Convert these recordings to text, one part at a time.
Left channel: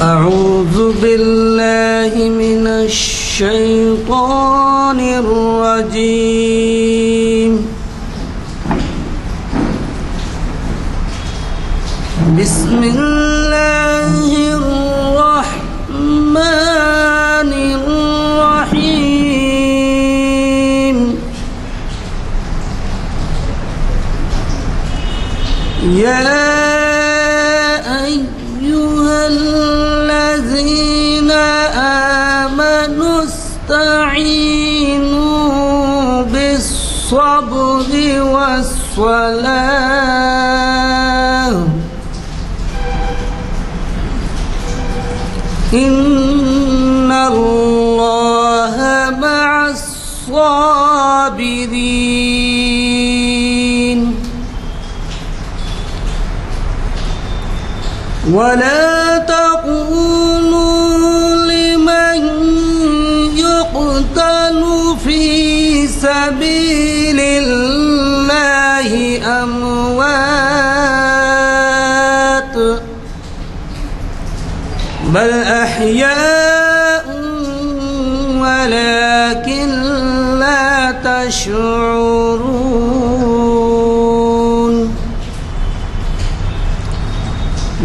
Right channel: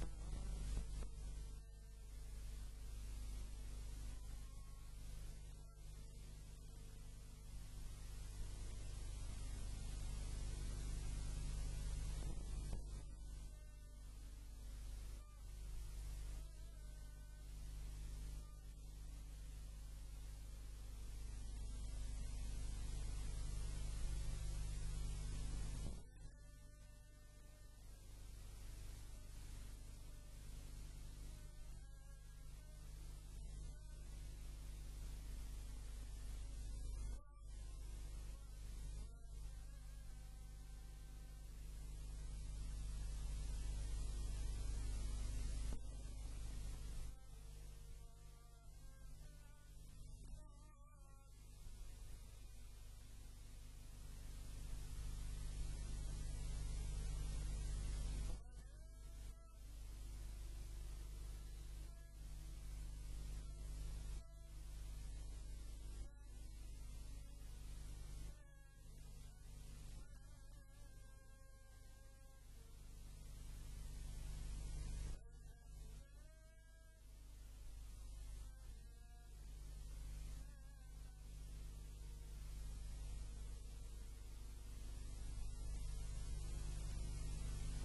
أعوذ بالله من الشيطان الرجيم. بسم الله الرحمن الرحيم. يا أيها الذين آمنوا استعينوا بالصبر والصلاة إن الله مع الصابرين. ولا تقولوا لمن يقتل في سبيل الله أموات بل أحياء ولكن لا تشعرون.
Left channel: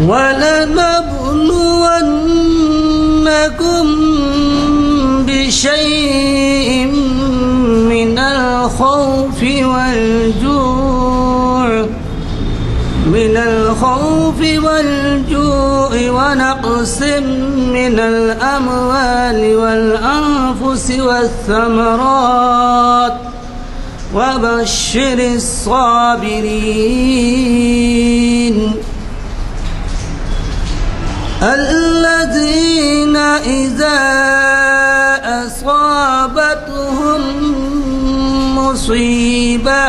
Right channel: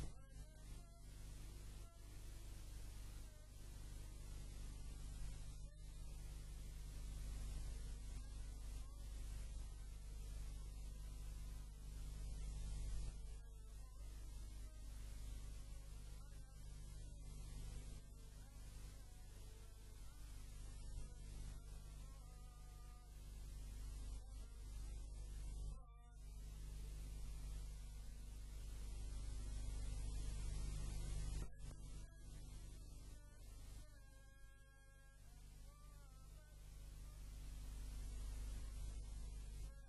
ولنبلونكم بشيء من الخوف والجوع ونقص من الأموال والأنفس والثمرات وبشر الصابرين الذين إذا أصابتهم مصيبة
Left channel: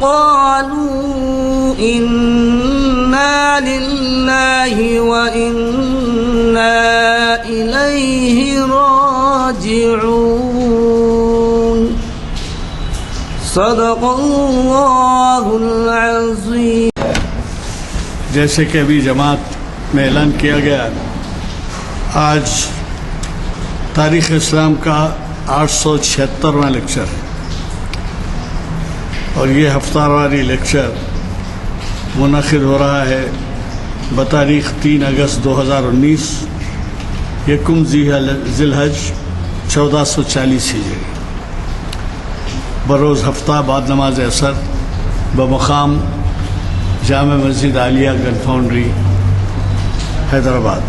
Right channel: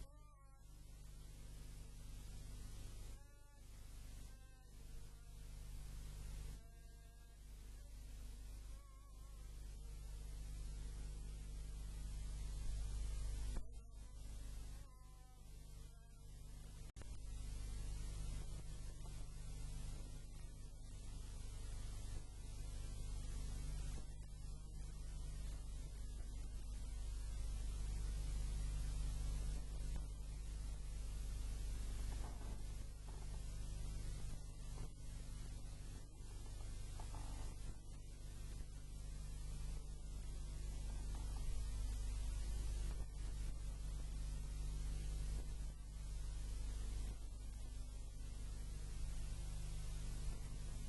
قالوا إنا لله وإنا إليه راجعون. صدق اللہ العظیم. جیسے کہ ابھی جماعت میں اعلان کیا گیا، آج تاریخ اسلام کا 876واں لیکچر ہے اور یہ ہفتہ واری لیکچر منعقد ہو رہا ہے بتاریخ 3 اگست 2019 یکم ذی الحج 1440 ہجری بروز ہفتہ بعد نماز عصر بمقام جامع مسجد عالیہ گن فاؤنڈری حیدرآباد.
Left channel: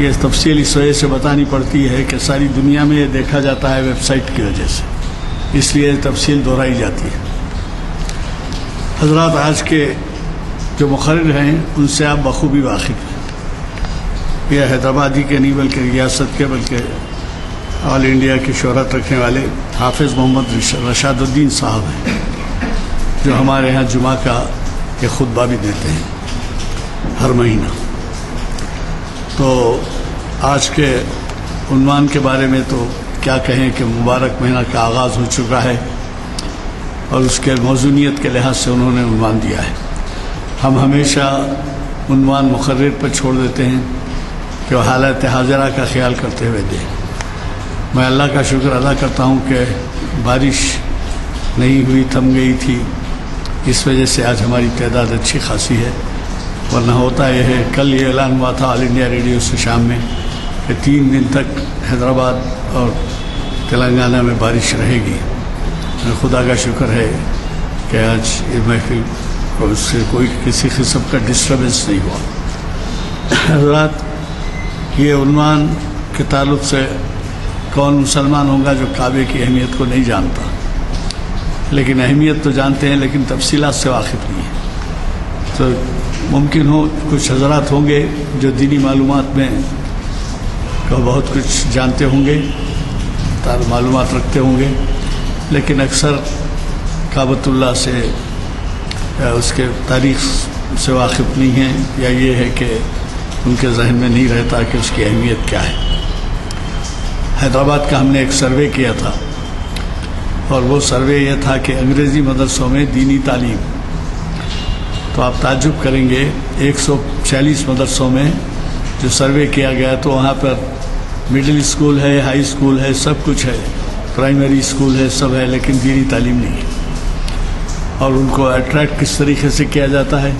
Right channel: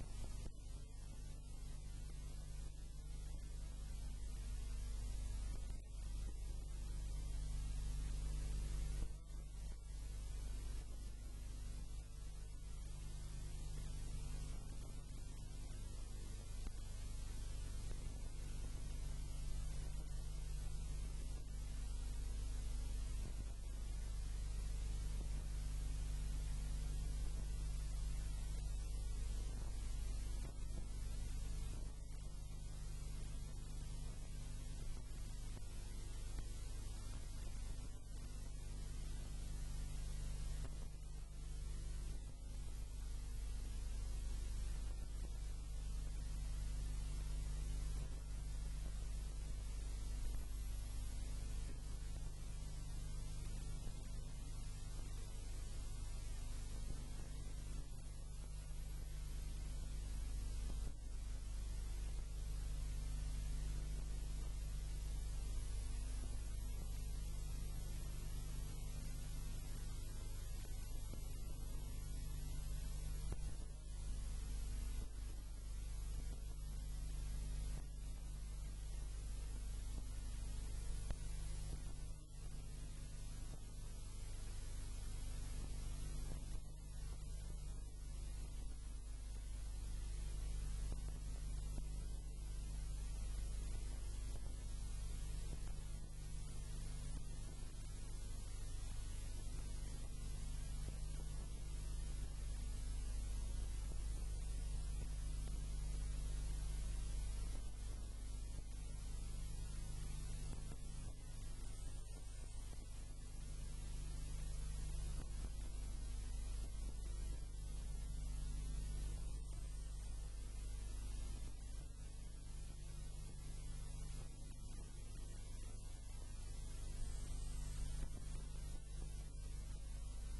یہ تفصیل اس وجہ سے بتانی پڑتی ہے کہ ساری دنیا میں یہ دیکھا جاتا ہے ویب سائٹ کی وجہ سے، اس لیے تفصیل دہرائی جاتی ہے. حضرات آج کے جو مقرر ہیں ان سے آپ بخوبی واقف ہیں. یہ حیدرآبادی کے نہیں بلکہ ریاست کے بلکہ آل انڈیا کی شہرت رکھنے والے حافظ محمد رشاد الدین صاحب ہیں، جو ہمارے ہاں جمعہ کا یہ خطبہ بھی دیتے ہیں ہر مہینہ. تو آج کے عنوان کے بارے میں تو کیا کہیں کہ مبارک مہینہ کا آغاز ہو چکا ہے اور اس کے موضوعیت کے لحاظ سے انہوں نے عنوان دیا ہے. ہم ہمیشہ عنوان مقرر پر چھوڑ دیتے ہیں کہ وہ حالت حاضرہ کا خیال کرتے ہوئے دیں. میں اللہ کا شکر ادا کرتا ہوں کہ بارش نہیں ہوئی، تھم گئی تھی، اس وجہ سے آج ہماری تعداد اچھی خاصی ہے. ورنہ ہوتا یہ ہے، کل یہ اعلان ہوا تھا آل انڈیا ریڈیو سے شام میں کہ 3 دن تک حیدرآباد اور تلنگانہ میں بارش رہے گی. خدا کا شکر ہے کہ آج یہ محفل کو اس سے کوئی کسی قسم کا ڈسٹربنس نہیں ہوا. حضرات، یہ عنوان کے تعلق سے کون مسلمان ہوگا جو کعبے کی اہمیت کو نہیں جانتا، لیکن اہمیت تو جانتے ہیں لیکن تفصیلات سے واقف نہیں ہے. تو ممکن ہو کچھ حضرات ہوں گے جو دینی معلومات میں بہت کچھ جانتے ہوں گے، معلومات رکھتے ہوں گے، لیکن اکثر کعبۃ اللہ سے اس کے تاریخ سے واقف نہیں ہیں، یا یہ ہے کہ ان کے ذہن میں نہیں رہتا کہ اس کی اہمیت کیا ہے. حیدرآباد کا ہم نے ایک سروے کیا تھا اور وہ سروے یہ تھا کہ انگریزی مدرسوں میں دینی تعلیم تو آپ تعجب کریں گے 140 مدرسوں میں جو سروے کیا گیا تو وہاں پر مڈل اسکول ہے، ہائی اسکول ہے، سب کچھ ہے، پرائمری اسکول ہے، سب ہے، لیکن دینی تعلیم نہیں ہے۔ اور ان کو اٹریکٹ کس طریقے سے کیا جاتا ہے؟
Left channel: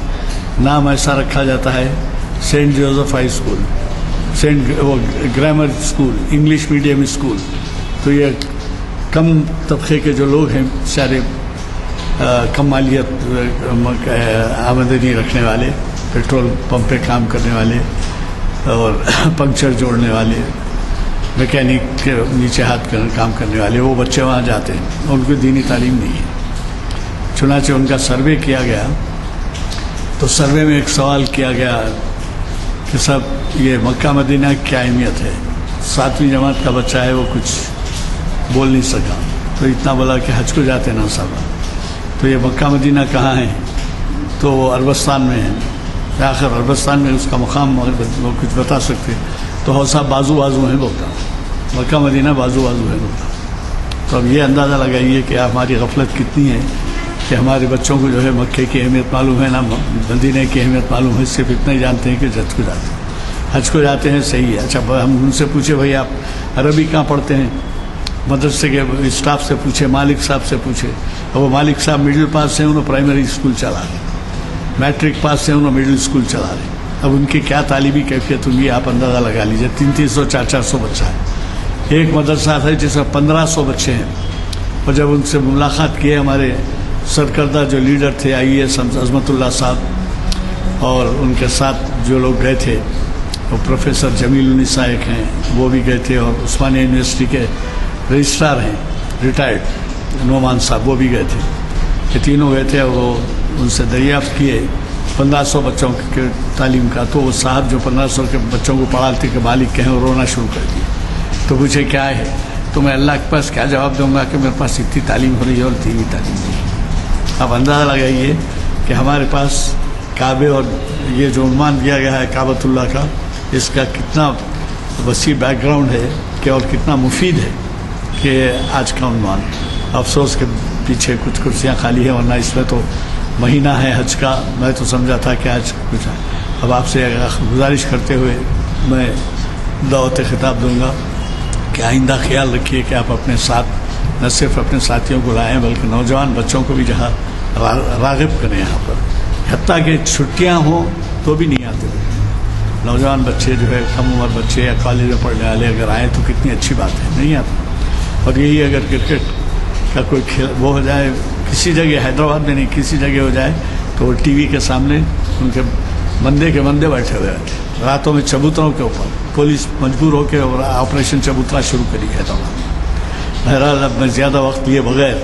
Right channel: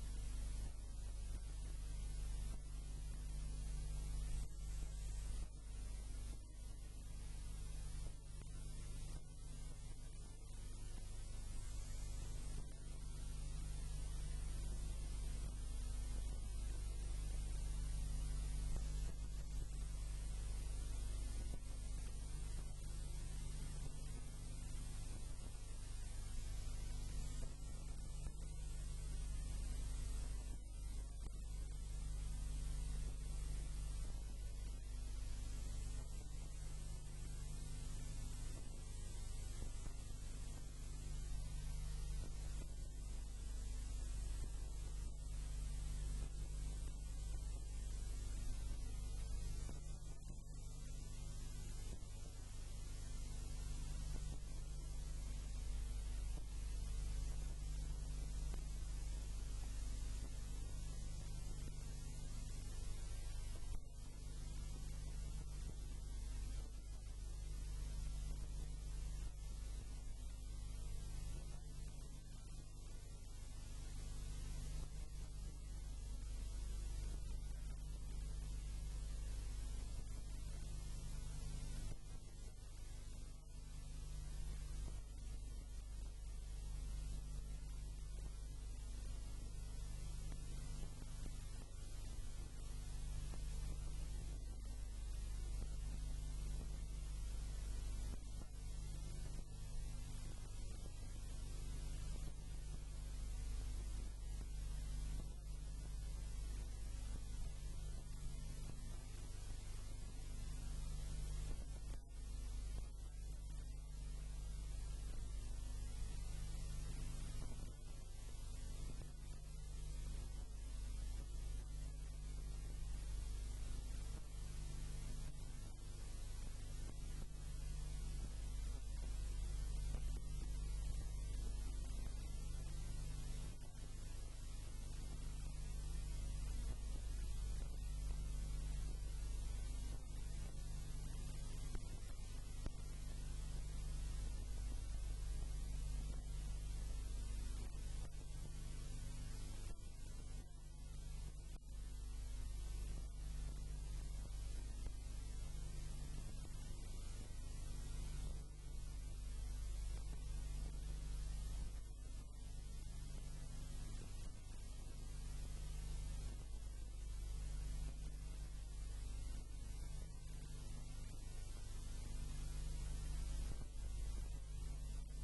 نام ایسا رکھا جاتا ہے سینٹ جوزف ہائی اسکول، وہ grammar school, English medium school. تو یہ کم طبقے کے جو لوگ ہیں سارے کم مالیت آمدنی رکھنے والے، پیٹرول پمپ پہ کام کرنے والے اور پنکچر جوڑنے والے، میکینک کے نیچے ہاتھ کام کرنے والے، وہ بچے وہاں جاتے ہیں، ان کو دینی تعلیم نہیں ہے۔ چنانچہ ان کا سروے کیا گیا تو سروے میں ایک سوال کیا گیا کہ صاحب یہ مکہ مدینہ کی کیا اہمیت ہے؟ 7ویں جماعت کا بچہ ہے، وہ کچھ بول نہیں سکا، تو اتنا بولا کہ حج کو جاتے نا صاحب، تو یہ مکہ مدینہ کہاں ہے؟ تو وہ عربستان میں ہے۔ آخر عربستان میں اس کا مقام وہ کچھ بتا سکتے، تو حوصہ بازو بازو ہے بولتا، مکہ مدینہ بازو بازو ہے بولتا۔ تو اب یہ اندازہ لگائیے کہ ہماری غفلت کتنی ہے کہ ہمارے بچوں کو جو ہے مکے کی اہمیت معلوم ہے، نہ مدینہ کی اہمیت معلوم ہے، صرف اتنا ہی جانتے ہیں کہ حج کو جاتے ہیں۔ حج کو جاتے ہیں صحیح ہے، اچھا ہم ان سے پوچھے بھائی آپ عربی کہاں پڑھتے ہیں؟ مدرسے کے اسٹاف سے پوچھے، مالک صاحب سے پوچھے، اور وہ مالک صاحب مڈل پاس سے انہوں پرائمری اسکول چلا رہے، میٹرک پاس سے انہوں مڈل اسکول چلا رہے۔ اب ان کی کیا تعلیمی کیفیت ہوگی آپ اندازہ لگا لیجیے۔ 300 400 بچہ ہے، ایک مدرسہ ہے جس میں 1500 بچے ہیں۔ اور جب ان سے ملاقات کیے ہمارے سرکردہ جو لیڈر تھے IAS عظمت اللہ صاحب، اور ان کے ساتھ جو لوگ گئے تھے وہ پروفیسر جمیل النساء ایک ہیں، وہ بھی گئے تھے، اور عثمانیہ یونیورسٹی کے رجسٹرار ہیں ریٹائرڈ نعمان صاحب، وہ بھی گئے تھے۔ یہ تینوں گئے تھے، وہ ان سے دریافت کیے 1500 بچوں کے تعلیم کا۔ تو وہ صاحب جو 1500 کے بچوں کو پڑھاتے کہ مالک کہیں، رونا شروع کر دیے۔ تو پوچھے کیا ہے؟ تو میں اللہ کے پاس کیا جواب دوں گا کہ میرے پاس اتنی تعلیم ہو رہی ہے اور دینی تعلیم نہیں ہے۔ آپ اندازہ لگائیے کہ ہمارے پاس کعبے اور یہ جو عنوان دیا گیا ہے کعبۃ اللہ کا، اس کا کتنا وسیع بیک گراؤنڈ ہے کہ اور کتنا مفید ہے کہ آج کا عنوان۔ افسوس کے پیچھے کچھ کرسیاں خالی ہیں، ورنہ اس میں تو مہینہ ہے حج کا، میں تو سمجھا تھا کہ آج کچھ ہے۔ اب آپ سے گزارش کرتے ہوئے میں دعوت خطاب دوں گا کہ آئندہ خیال رکھیے کہ آپ اپنے ساتھ نہ صرف اپنے ساتھیوں کو لائیں بلکہ نوجوان بچوں کو بھی جہاں راغب کریں یہاں پر، حتیٰ کہ چھٹیاں ہوں تو بھی نہیں آتے۔ نوجوان بچے جو ہے، کم عمر بچے یا کالج میں پڑھنے والے اگر آئیں تو کتنی اچھی بات ہے، نہیں آتے۔ اور یہی اگر کرکٹ کا کوئی کھیل وہ ہو جائے کسی جگہ، حیدرآباد میں نہیں کسی جگہ ہو جائے، تو وہ ٹی وی کے سامنے ان کے بندے بیٹھے ہوئے رہتے، راتوں میں چبوتروں کے اوپر پولیس مجبور ہو کے آپریشن چبوترا شروع کری ہے۔ تو بہرحال اب میں زیادہ وقت لیے بغیر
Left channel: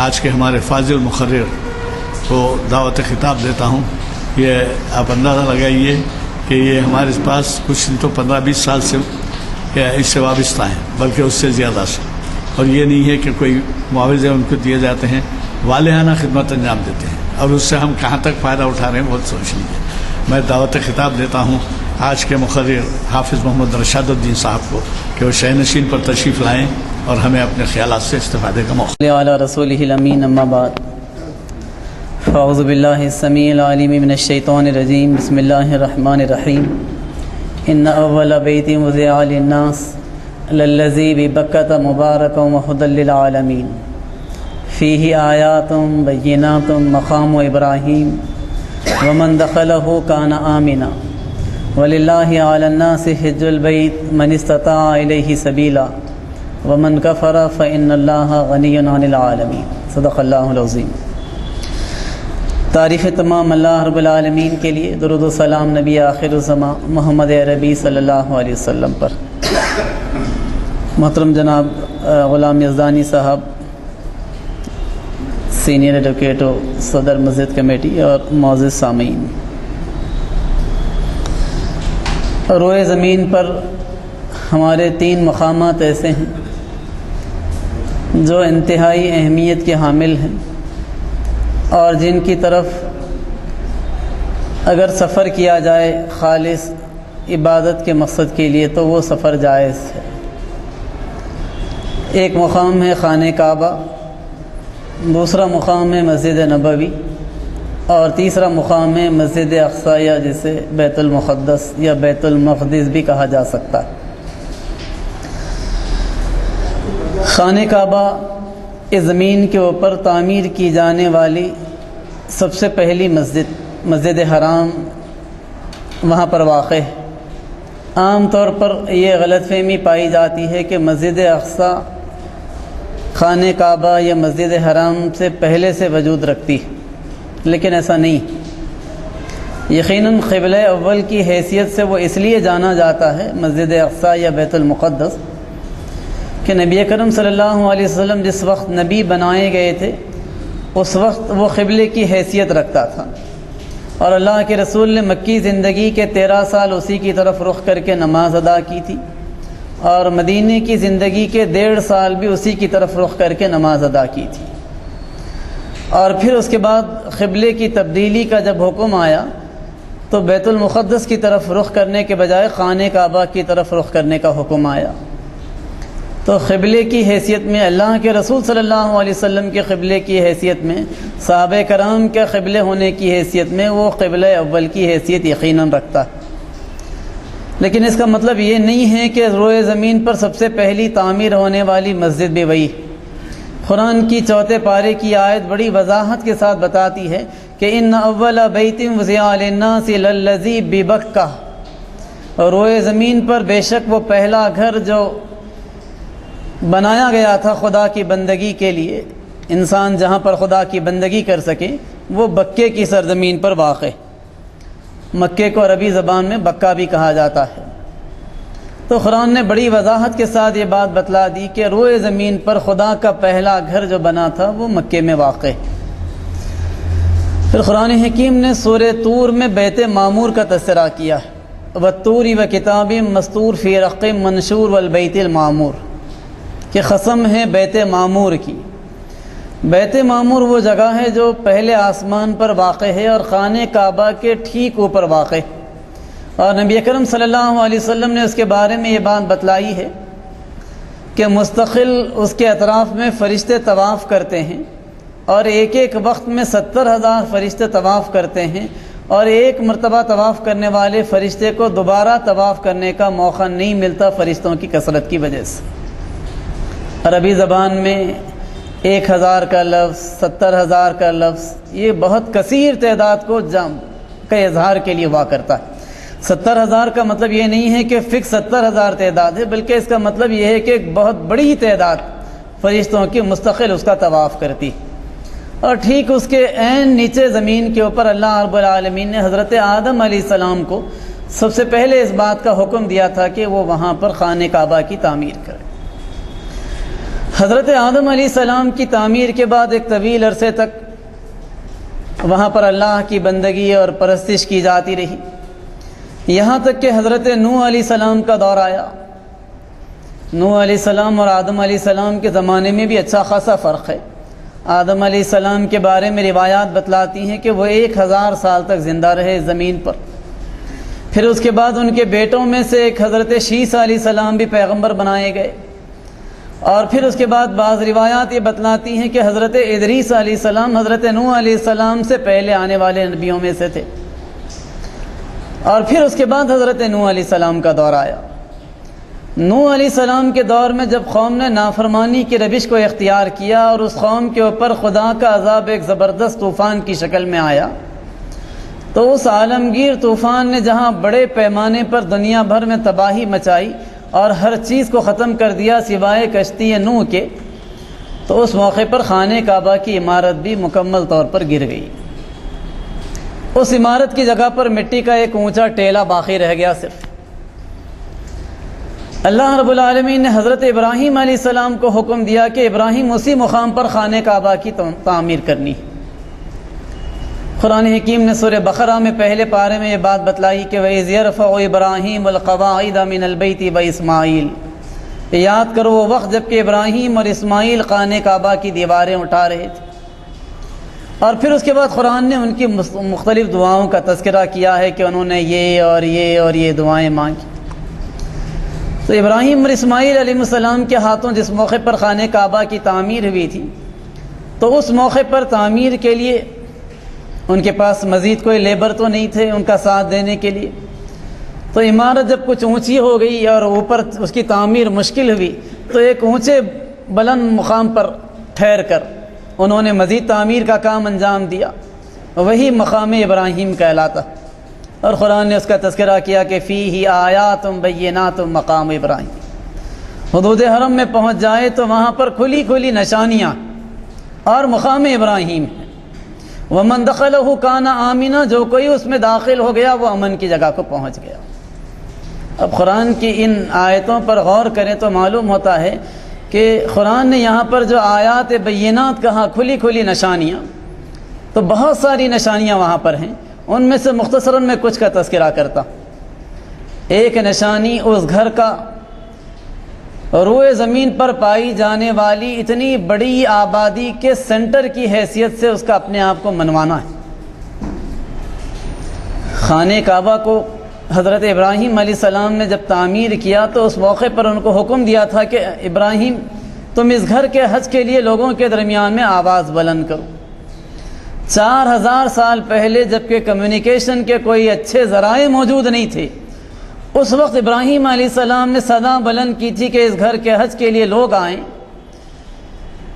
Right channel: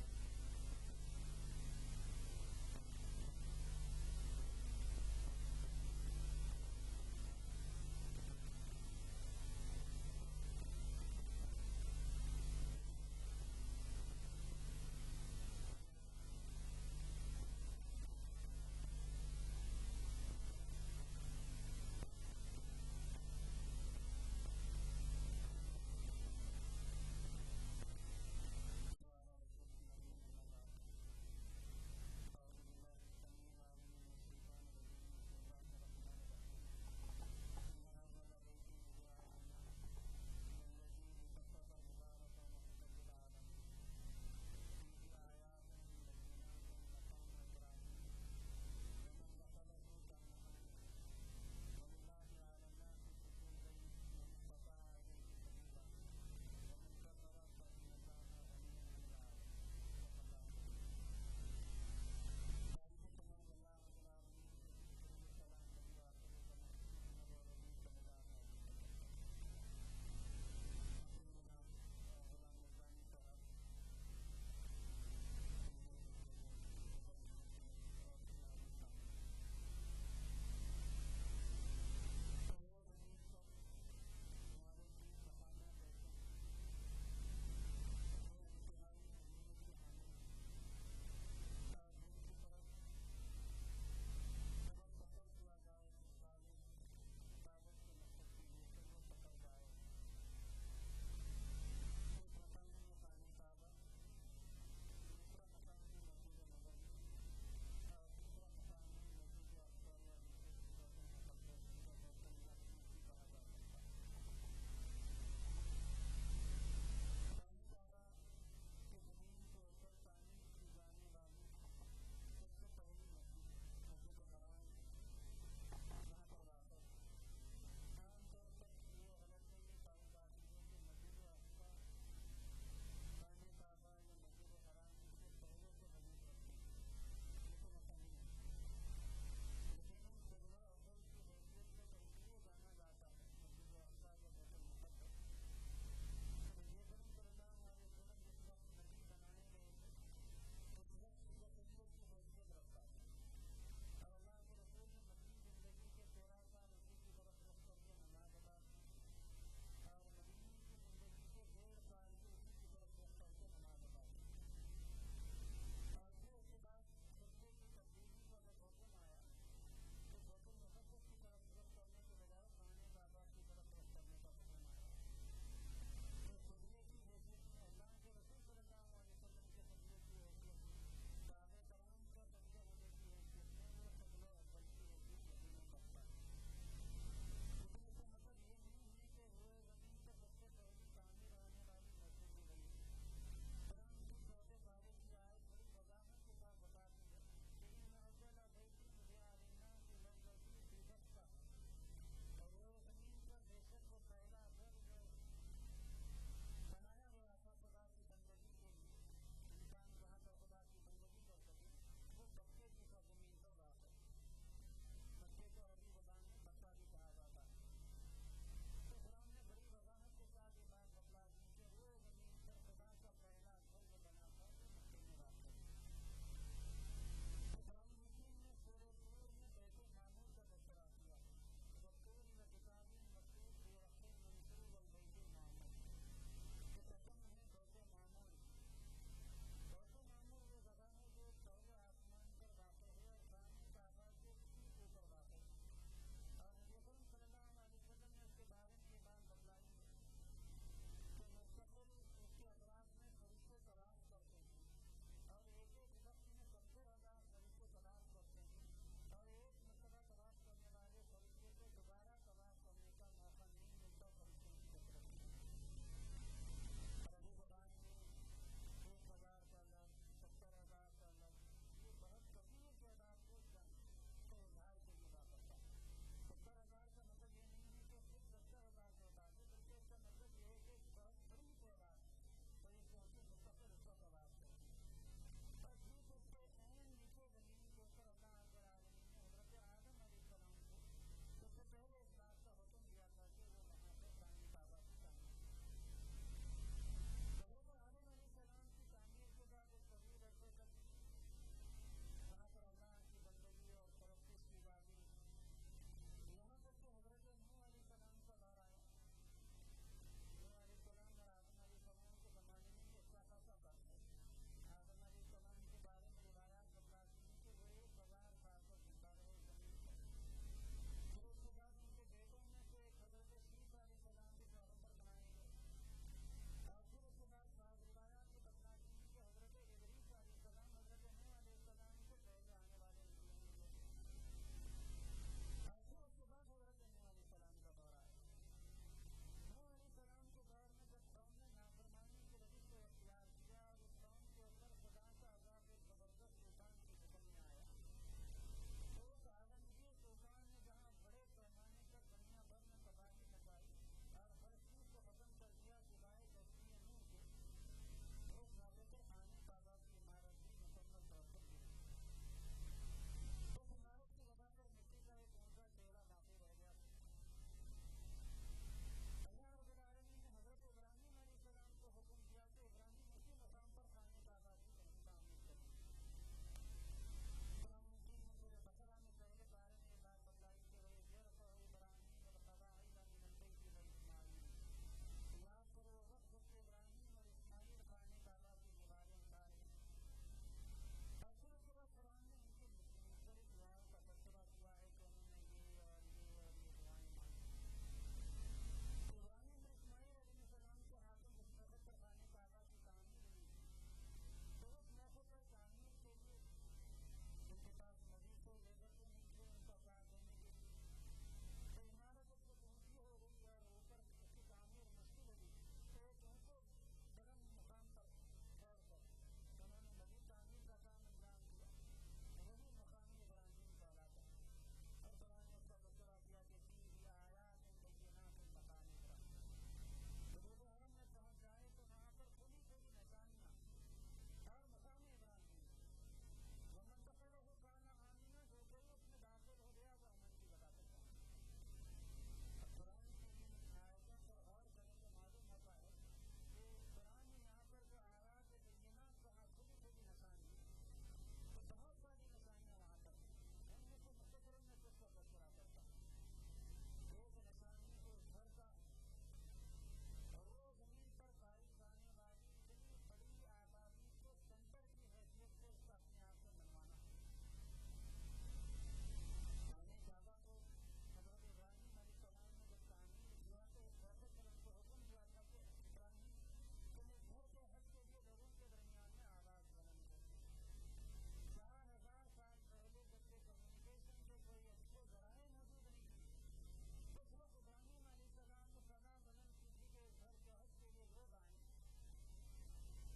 آج کے ہمارے فاضل مقرر کو دعوت خطاب دیتا ہوں۔ یہ آپ اندازہ لگائیے کہ یہ ہمارے پاس کچھ نہیں تو 15-20 سال سے اس سے وابستہ ہیں، بلکہ اس سے زیادہ سے، اور یہ نہیں ہے کہ کوئی معاوضے ان کو دیے جاتے ہیں، والہانہ خدمت انجام دیتے ہیں، اور اس سے ہم کہاں تک فائدہ اٹھا رہے ہیں بہت سوچ لیجیے۔ میں دعوت خطاب دیتا ہوں آج کے مقرر حافظ محمد رشاد الدین صاحب کو کہ وہ شہ نشین پر تشریف لائیں اور ہمیں اپنے خیالات سے استفادے کا موقع۔ علی رسولہ الامین، اما بعد، فاعوذ باللہ السمیع العلیم من الشیطان الرجیم، بسم اللہ الرحمن الرحیم۔ ان اول بیت وضع للناس للذی ببکۃ مبارکا وہدی للعالمین فیہ آیات بینات مقام ابراہیم ومن دخلہ کان آمنا وللہ علی الناس حج البیت من استطاع الیہ سبیلا ومن کفر فإن اللہ غنی عن العالمین۔ صدق اللہ العظیم۔ تعریف تمام اللہ رب العالمین کے لیے، درود و سلام نبی آخر الزماں محمد عربی صلی اللہ علیہ وسلم پر۔ محترم جناب غلام یزدانی صاحب، سینئر ایڈوکیٹ و صدر مسجد کمیٹی، اور معزز سامعین، روئے زمین پر ہمارے 3 مقامات ایسے ہیں جو انتہائی اہمیت کے حامل ہیں، اور جن کی طرف اگر سفر کیا جائے خالص عبادت کے مقصد کے لیے تو وہ سفر جائز ہے۔ ایک مقام ہے خانہ کعبہ، دوسرا مقام ہے مسجد نبوی، اور تیسرا مقام ہے مسجد اقصی، یا جسے بیت المقدس یا بیت المقدس بھی کہا جا سکتا ہے۔ خانہ کعبہ اس زمین کے اوپر تعمیر کی جانے والی سب سے پہلی مسجد حرام وہاں پر واقع ہے۔ عام طور پر یہ غلط فہمی پائی جاتی ہے کہ مسجد اقصی خانہ کعبہ یا مسجد حرام سے پہلے سے وجود رکھتی ہے، لیکن ایسا نہیں۔ یقیناً قبلہ اول کی حیثیت سے وہ اس لیے جانا جاتا ہے مسجد اقصی یا بیت المقدس کہ نبی اکرم صلی اللہ علیہ وسلم جس وقت نبی بنائے گئے تھے اس وقت وہ قبلے کی حیثیت رکھتا تھا، اور اللہ کے رسول نے مکی زندگی کے 13 سال اسی کی طرف رخ کر کے نماز ادا کی تھی، اور مدینے کی زندگی کے 1.5 سال بھی اسی کی طرف رخ کر کے نماز ادا کی تھی۔ اور پھر اس کے بعد قبلے کی تبدیلی کا جب حکم آیا تو بیت المقدس کی طرف رخ کرنے کے بجائے خانہ کعبہ کی طرف رخ کرنے کا حکم آیا۔ تو قبلے کی حیثیت میں اللہ کے رسول صلی اللہ علیہ وسلم کے قبلے کی حیثیت میں، صحابہ کرام کے قبلے ہونے کی حیثیت میں وہ قبلہ اول کی حیثیت یقیناً رکھتا ہے۔ لیکن اس کا مطلب یہ نہیں ہے کہ روئے زمین پر سب سے پہلی تعمیر ہونے والی مسجد بھی وہی۔ قرآن کی 4 پارے کی آیت بڑی وضاحت کے ساتھ بتاتی ہے کہ ان اول بیت وضع للناس للذی ببکہ، اور روئے زمین پر بے شک وہ پہلا گھر جو بنایا گیا تھا خدا کی بندگی کے لیے، انسان جہاں پر خدا کی بندگی کر سکے، وہ بکے کی سرزمین پر واقع ہے۔ مکے کو عربی زبان میں بکہ بھی کہا جاتا ہے۔ تو قرآن نے بڑی وضاحت کے ساتھ یہ بات بتلا دی کہ روئے زمین پر خدا کا پہلا گھر جو بنا تھا وہ مکے میں واقع ہے۔ پھر قرآن حکیم نے سورہ طور میں بیت معمور کا تذکرہ کیا ہے، وَالطُّورِ وَكِتَابٍ مَّسْطُورٍ فِي رَقٍّ مَّنشُورٍ وَالْبَيْتِ الْمَعْمُورِ، کہ قسم ہے بیت معمور کی۔ بیت معمور وہ جگہ ہے جو پہلے آسمان پر واقع ہے اور خانہ کعبہ کے ٹھیک اوپر واقع ہے، اور نبی اکرم صلی اللہ علیہ وسلم نے اس کے بارے میں یہ بات بتلائی ہے کہ مستقل اس کے اطراف میں فرشتے طواف کرتے ہیں، اور ایک وقت میں 70,000 فرشتے طواف کرتے ہیں، اور ایک مرتبہ طواف کرنے والے فرشتے کو دوبارہ طواف کرنے کا موقع نہیں ملتا فرشتوں کی کثرت کی وجہ سے۔ عربی زبان میں 1,000 کا لفظ، 70,000 کا لفظ، یہ بہت کثیر تعداد کا اظہار کے لیے ہوا کرتا ہے۔ 70,000 کا مطلب یہ نہیں ہے کہ فکس 70,000 تعداد ہے، بلکہ اس کا مطلب یہ ہے کہ ایک بہت بڑی تعداد فرشتوں کی مستقل اس کا طواف کرتی، اور ٹھیک اس کے عین نیچے زمین کے اوپر اللہ رب العالمین نے حضرت آدم علیہ السلام کو سب سے پہلے اس بات کا حکم دیا تھا کہ وہ وہاں پر خانہ کعبہ کی تعمیر کرے۔ حضرت آدم علیہ السلام کی تعمیر کے بعد ایک طویل عرصے تک وہاں پر اللہ کی بندگی اور پرستش کی جاتی رہی، یہاں تک کہ حضرت نوح علیہ السلام کا دور آیا۔ نوح علیہ السلام اور آدم علیہ السلام کے زمانے میں بھی اچھا خاصا فرق ہے۔ آدم علیہ السلام کے بارے میں روایات بتلاتی ہیں کہ وہ 1000 سال تک زندہ رہے زمین پر۔ پھر اس کے بعد ان کے بیٹوں میں سے ایک حضرت شیس علیہ السلام بھی پیغمبر بنائے گئے، اور پھر اس کے بعد بعض روایات یہ بتلاتی ہیں کہ حضرت ادریس علیہ السلام حضرت نوح علیہ السلام سے پہلے آنے والے نبیوں میں سے تھے، اور پھر اس کے بعد حضرت نوح علیہ السلام کا دور آیا۔ نوح علیہ السلام کے دور میں جب قوم نے نافرمانی کی روش کو اختیار کیا اور اس قوم کے اوپر خدا کا عذاب ایک زبردست طوفان کی شکل میں آیا، تو اس عالمگیر طوفان نے جہاں بڑے پیمانے پر دنیا بھر میں تباہی مچائی اور ہر چیز کو ختم کر دیا سوائے کشتی نوح کے، تو اس موقع پر خانہ کعبہ کی عمارت بھی مکمل طور پر گر گئی۔ اس عمارت کی جگہ پر مٹی کا ایک اونچا ٹیلا باقی رہ گیا صرف۔ اللہ رب العالمین نے حضرت ابراہیم علیہ السلام کو حکم دیا کہ ابراہیم اسی مقام پر خانہ کعبہ کی تعمیر کرنی ہے۔ قرآن حکیم نے سورہ بقرہ میں پہلے پارے میں یہ بات بتلائی کہ وَإِذْ يَرْفَعُ إِبْرَاهِيمُ الْقَوَاعِدَ مِنَ الْبَيْتِ وَإِسْمَاعِيلُ، یاد کرو وہ وقت جب کہ ابراہیم اور اسماعیل خانہ کعبہ کی دیواریں اٹھا رہے تھے۔ اور پھر اس کے بعد قرآن نے ان کی مختلف دعاؤں کا تذکرہ کیا ہے کہ انہوں نے یہ اور یہ دعائیں مانگی۔ تو ابراہیم اور اسماعیل علیہ السلام کے ہاتھوں جس موقع پر خانہ کعبہ کی تعمیر ہوئی تھی، تو اس موقع پر تعمیر کے لیے ان کے پاس مزید کوئی لیبر تو نہیں تھے ان کا ساتھ دینے کے لیے. تو عمارت جب کچھ اونچی ہو گئی اور اوپر اس کی تعمیر مشکل ہوئی تو ایک اونچے بلند مقام پر ٹھہر کر انہوں نے مزید تعمیر کا کام انجام دیا. وہی مقام ابراہیم کہلاتا. اور قرآن نے اس کا تذکرہ کیا کہ فیہ آیات بینات مقام ابراہیم. حدود حرم میں پہنچ جائے تو وہاں پر کھلی کھلی نشانیاں اور مقام ابراہیم ہے. ومن دخلہ کان آمنا، جو کوئی اس میں داخل ہو گیا وہ امن کی جگہ کو پہنچ گیا. اب قرآن کی ان آیتوں پر غور کریں تو معلوم ہوتا ہے کہ قرآن نے یہاں پر جو آیات بینات کہا، کھلی کھلی نشانیاں، تو بہت ساری نشانیاں وہاں پر ہیں. ان میں سے مختصراً میں کچھ کا تذکرہ کرتا. ایک نشانی اس گھر کا روئے زمین پر پائی جانے والی اتنی بڑی آبادی کے سینٹر کی حیثیت سے اس کا اپنے آپ کو منوانا ہے. خانہ کعبہ کو حضرت ابراہیم علیہ السلام نے جب تعمیر کیا تو اس موقع پر ان کو حکم دیا تھا کہ ابراہیم تم اس گھر کے حج کے لیے لوگوں کے درمیان میں آواز بلند کرو. 4000 سال پہلے جبکہ کمیونیکیشن کے کوئی اچھے ذرائع موجود نہیں تھے، اس وقت ابراہیم علیہ السلام نے صدا بلند کی تھی کہ اس گھر کے حج کے لیے لوگ آئیں.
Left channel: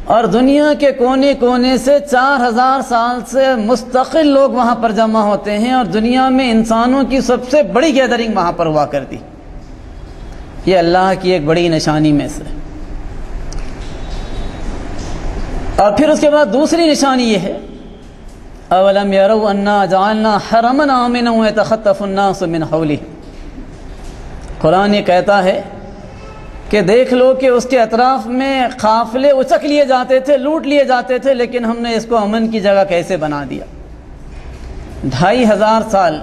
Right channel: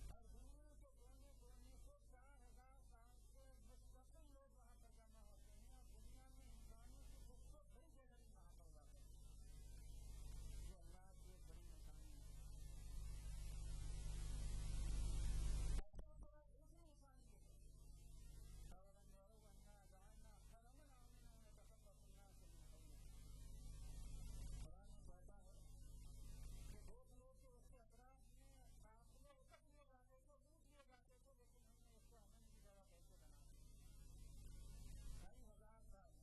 اور دنیا کے کونے کونے سے 4000 سال سے مستقل لوگ وہاں پر جمع ہوتے ہیں اور دنیا میں انسانوں کی سب سے بڑی گیدرنگ وہاں پر ہوا کرتی. یہ اللہ کی ایک بڑی نشانی میں سے. اور پھر اس کے بعد دوسری نشانی یہ ہے اولم یروا انا جعلنا حرما آمنا یتخطف الناس من حولہ. قرآن یہ کہتا ہے کہ دیکھ لو کہ اس کے اطراف میں قافلے اچک لیے جاتے تھے، لوٹ لیے جاتے تھے، لیکن ہم نے اس کو امن کی جگہ کیسے بنا دیا. 2500 سال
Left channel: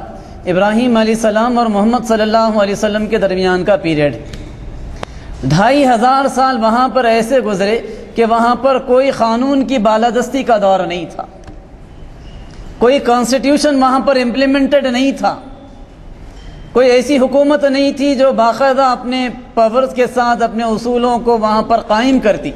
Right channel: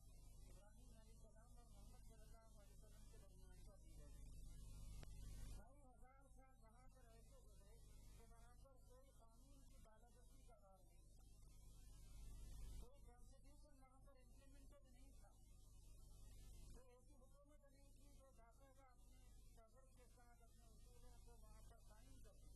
ابراہیم علیہ السلام اور محمد صلی اللہ علیہ وسلم کے درمیان کا پیریڈ. 2500 سال وہاں پر ایسے گزرے کہ وہاں پر کوئی قانون کی بالادستی کا دور نہیں تھا، کوئی کانسٹیٹیوشن وہاں پر امپلیمنٹڈ نہیں تھا، کوئی ایسی حکومت نہیں تھی جو باقاعدہ اپنے پاورز کے ساتھ اپنے اصولوں کو وہاں پر قائم کرتی.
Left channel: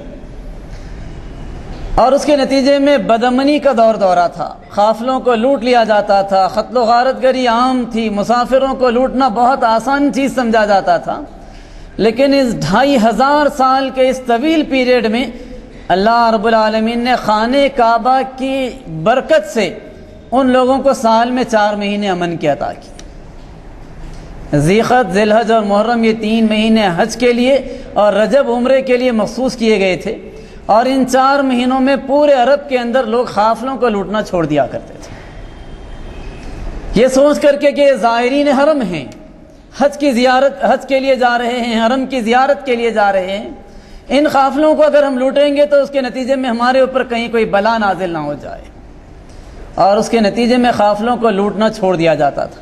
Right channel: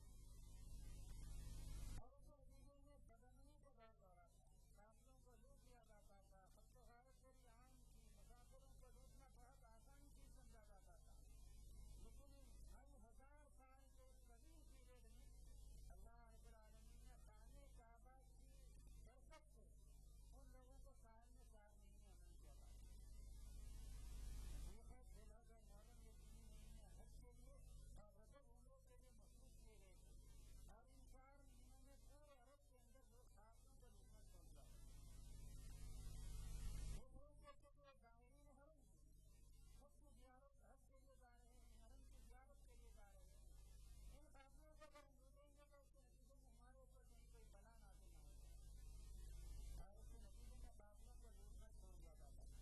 اور اس کے نتیجے میں بدامنی کا دورہ تھا، قافلوں کو لوٹ لیا جاتا تھا، قتل و غارت گری عام تھی، مسافروں کو لوٹنا بہت آسان چیز سمجھا جاتا تھا. لیکن اس 2500 سال کے اس طویل پیریڈ میں اللہ رب العالمین نے خانہ کعبہ کی برکت سے ان لوگوں کو سال میں 4 مہینے امن کی عطا کی. ذی-القعدہ، ذی-الحجہ اور محرم یہ 3 مہینے حج کے لیے اور رجب عمرے کے لیے مخصوص کیے گئے تھے. اور ان 4 مہینوں میں پورے عرب کے اندر لوگ قافلوں کو لوٹنا چھوڑ دیا کرتے تھے، یہ سوچ کر کے کہ زائرین حرم ہیں، حج کے لیے جا رہے ہیں، حرم کی زیارت کے لیے جا رہے ہیں. ان قافلوں کو اگر ہم لوٹیں گے تو اس کے نتیجے میں ہمارے اوپر کہیں کوئی بلا نازل نہ ہو جائے. اور اس کے نتیجے میں قافلوں کو لوٹنا چھوڑ دیا جاتا تھا.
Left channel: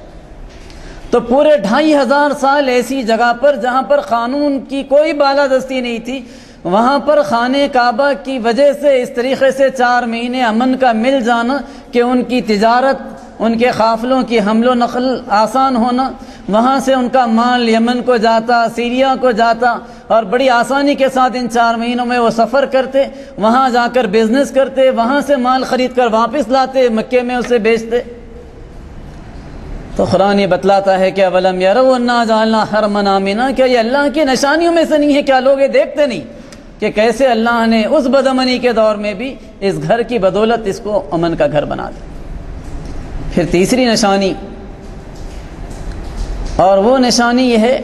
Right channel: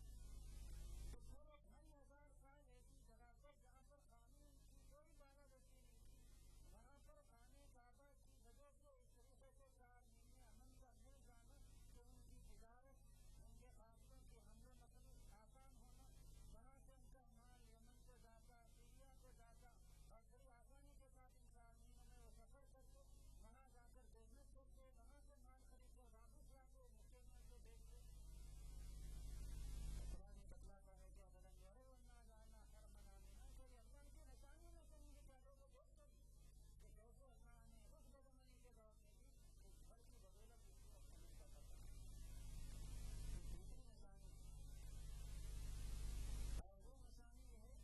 تو پورے 2500 سال ایسی جگہ پر جہاں پر قانون کی کوئی بالادستی نہیں تھی، وہاں پر خانہ کعبہ کی وجہ سے اس طریقے سے 4 مہینے امن کا مل جانا کہ ان کی تجارت، ان کے قافلوں کی حمل و نقل آسان ہونا، وہاں سے ان کا مال یمن کو جاتا، سیریا کو جاتا، اور بڑی آسانی کے ساتھ ان 4 مہینوں میں وہ سفر کرتے، وہاں جا کر بزنس کرتے، وہاں سے مال خرید کر واپس لاتے، مکے میں اسے بیچتے. تو قرآن یہ بتلاتا ہے کہ اولم یروا انا جعلنا حرما آمنا، کیا یہ اللہ کی نشانیوں میں سے نہیں ہے؟ کیا لوگ یہ دیکھتے نہیں کہ کیسے اللہ نے اس بدامنی کے دور میں بھی اس گھر کی بدولت اس کو امن کا گھر بنا دیا. پھر تیسری نشانی، اور وہ نشانی یہ ہے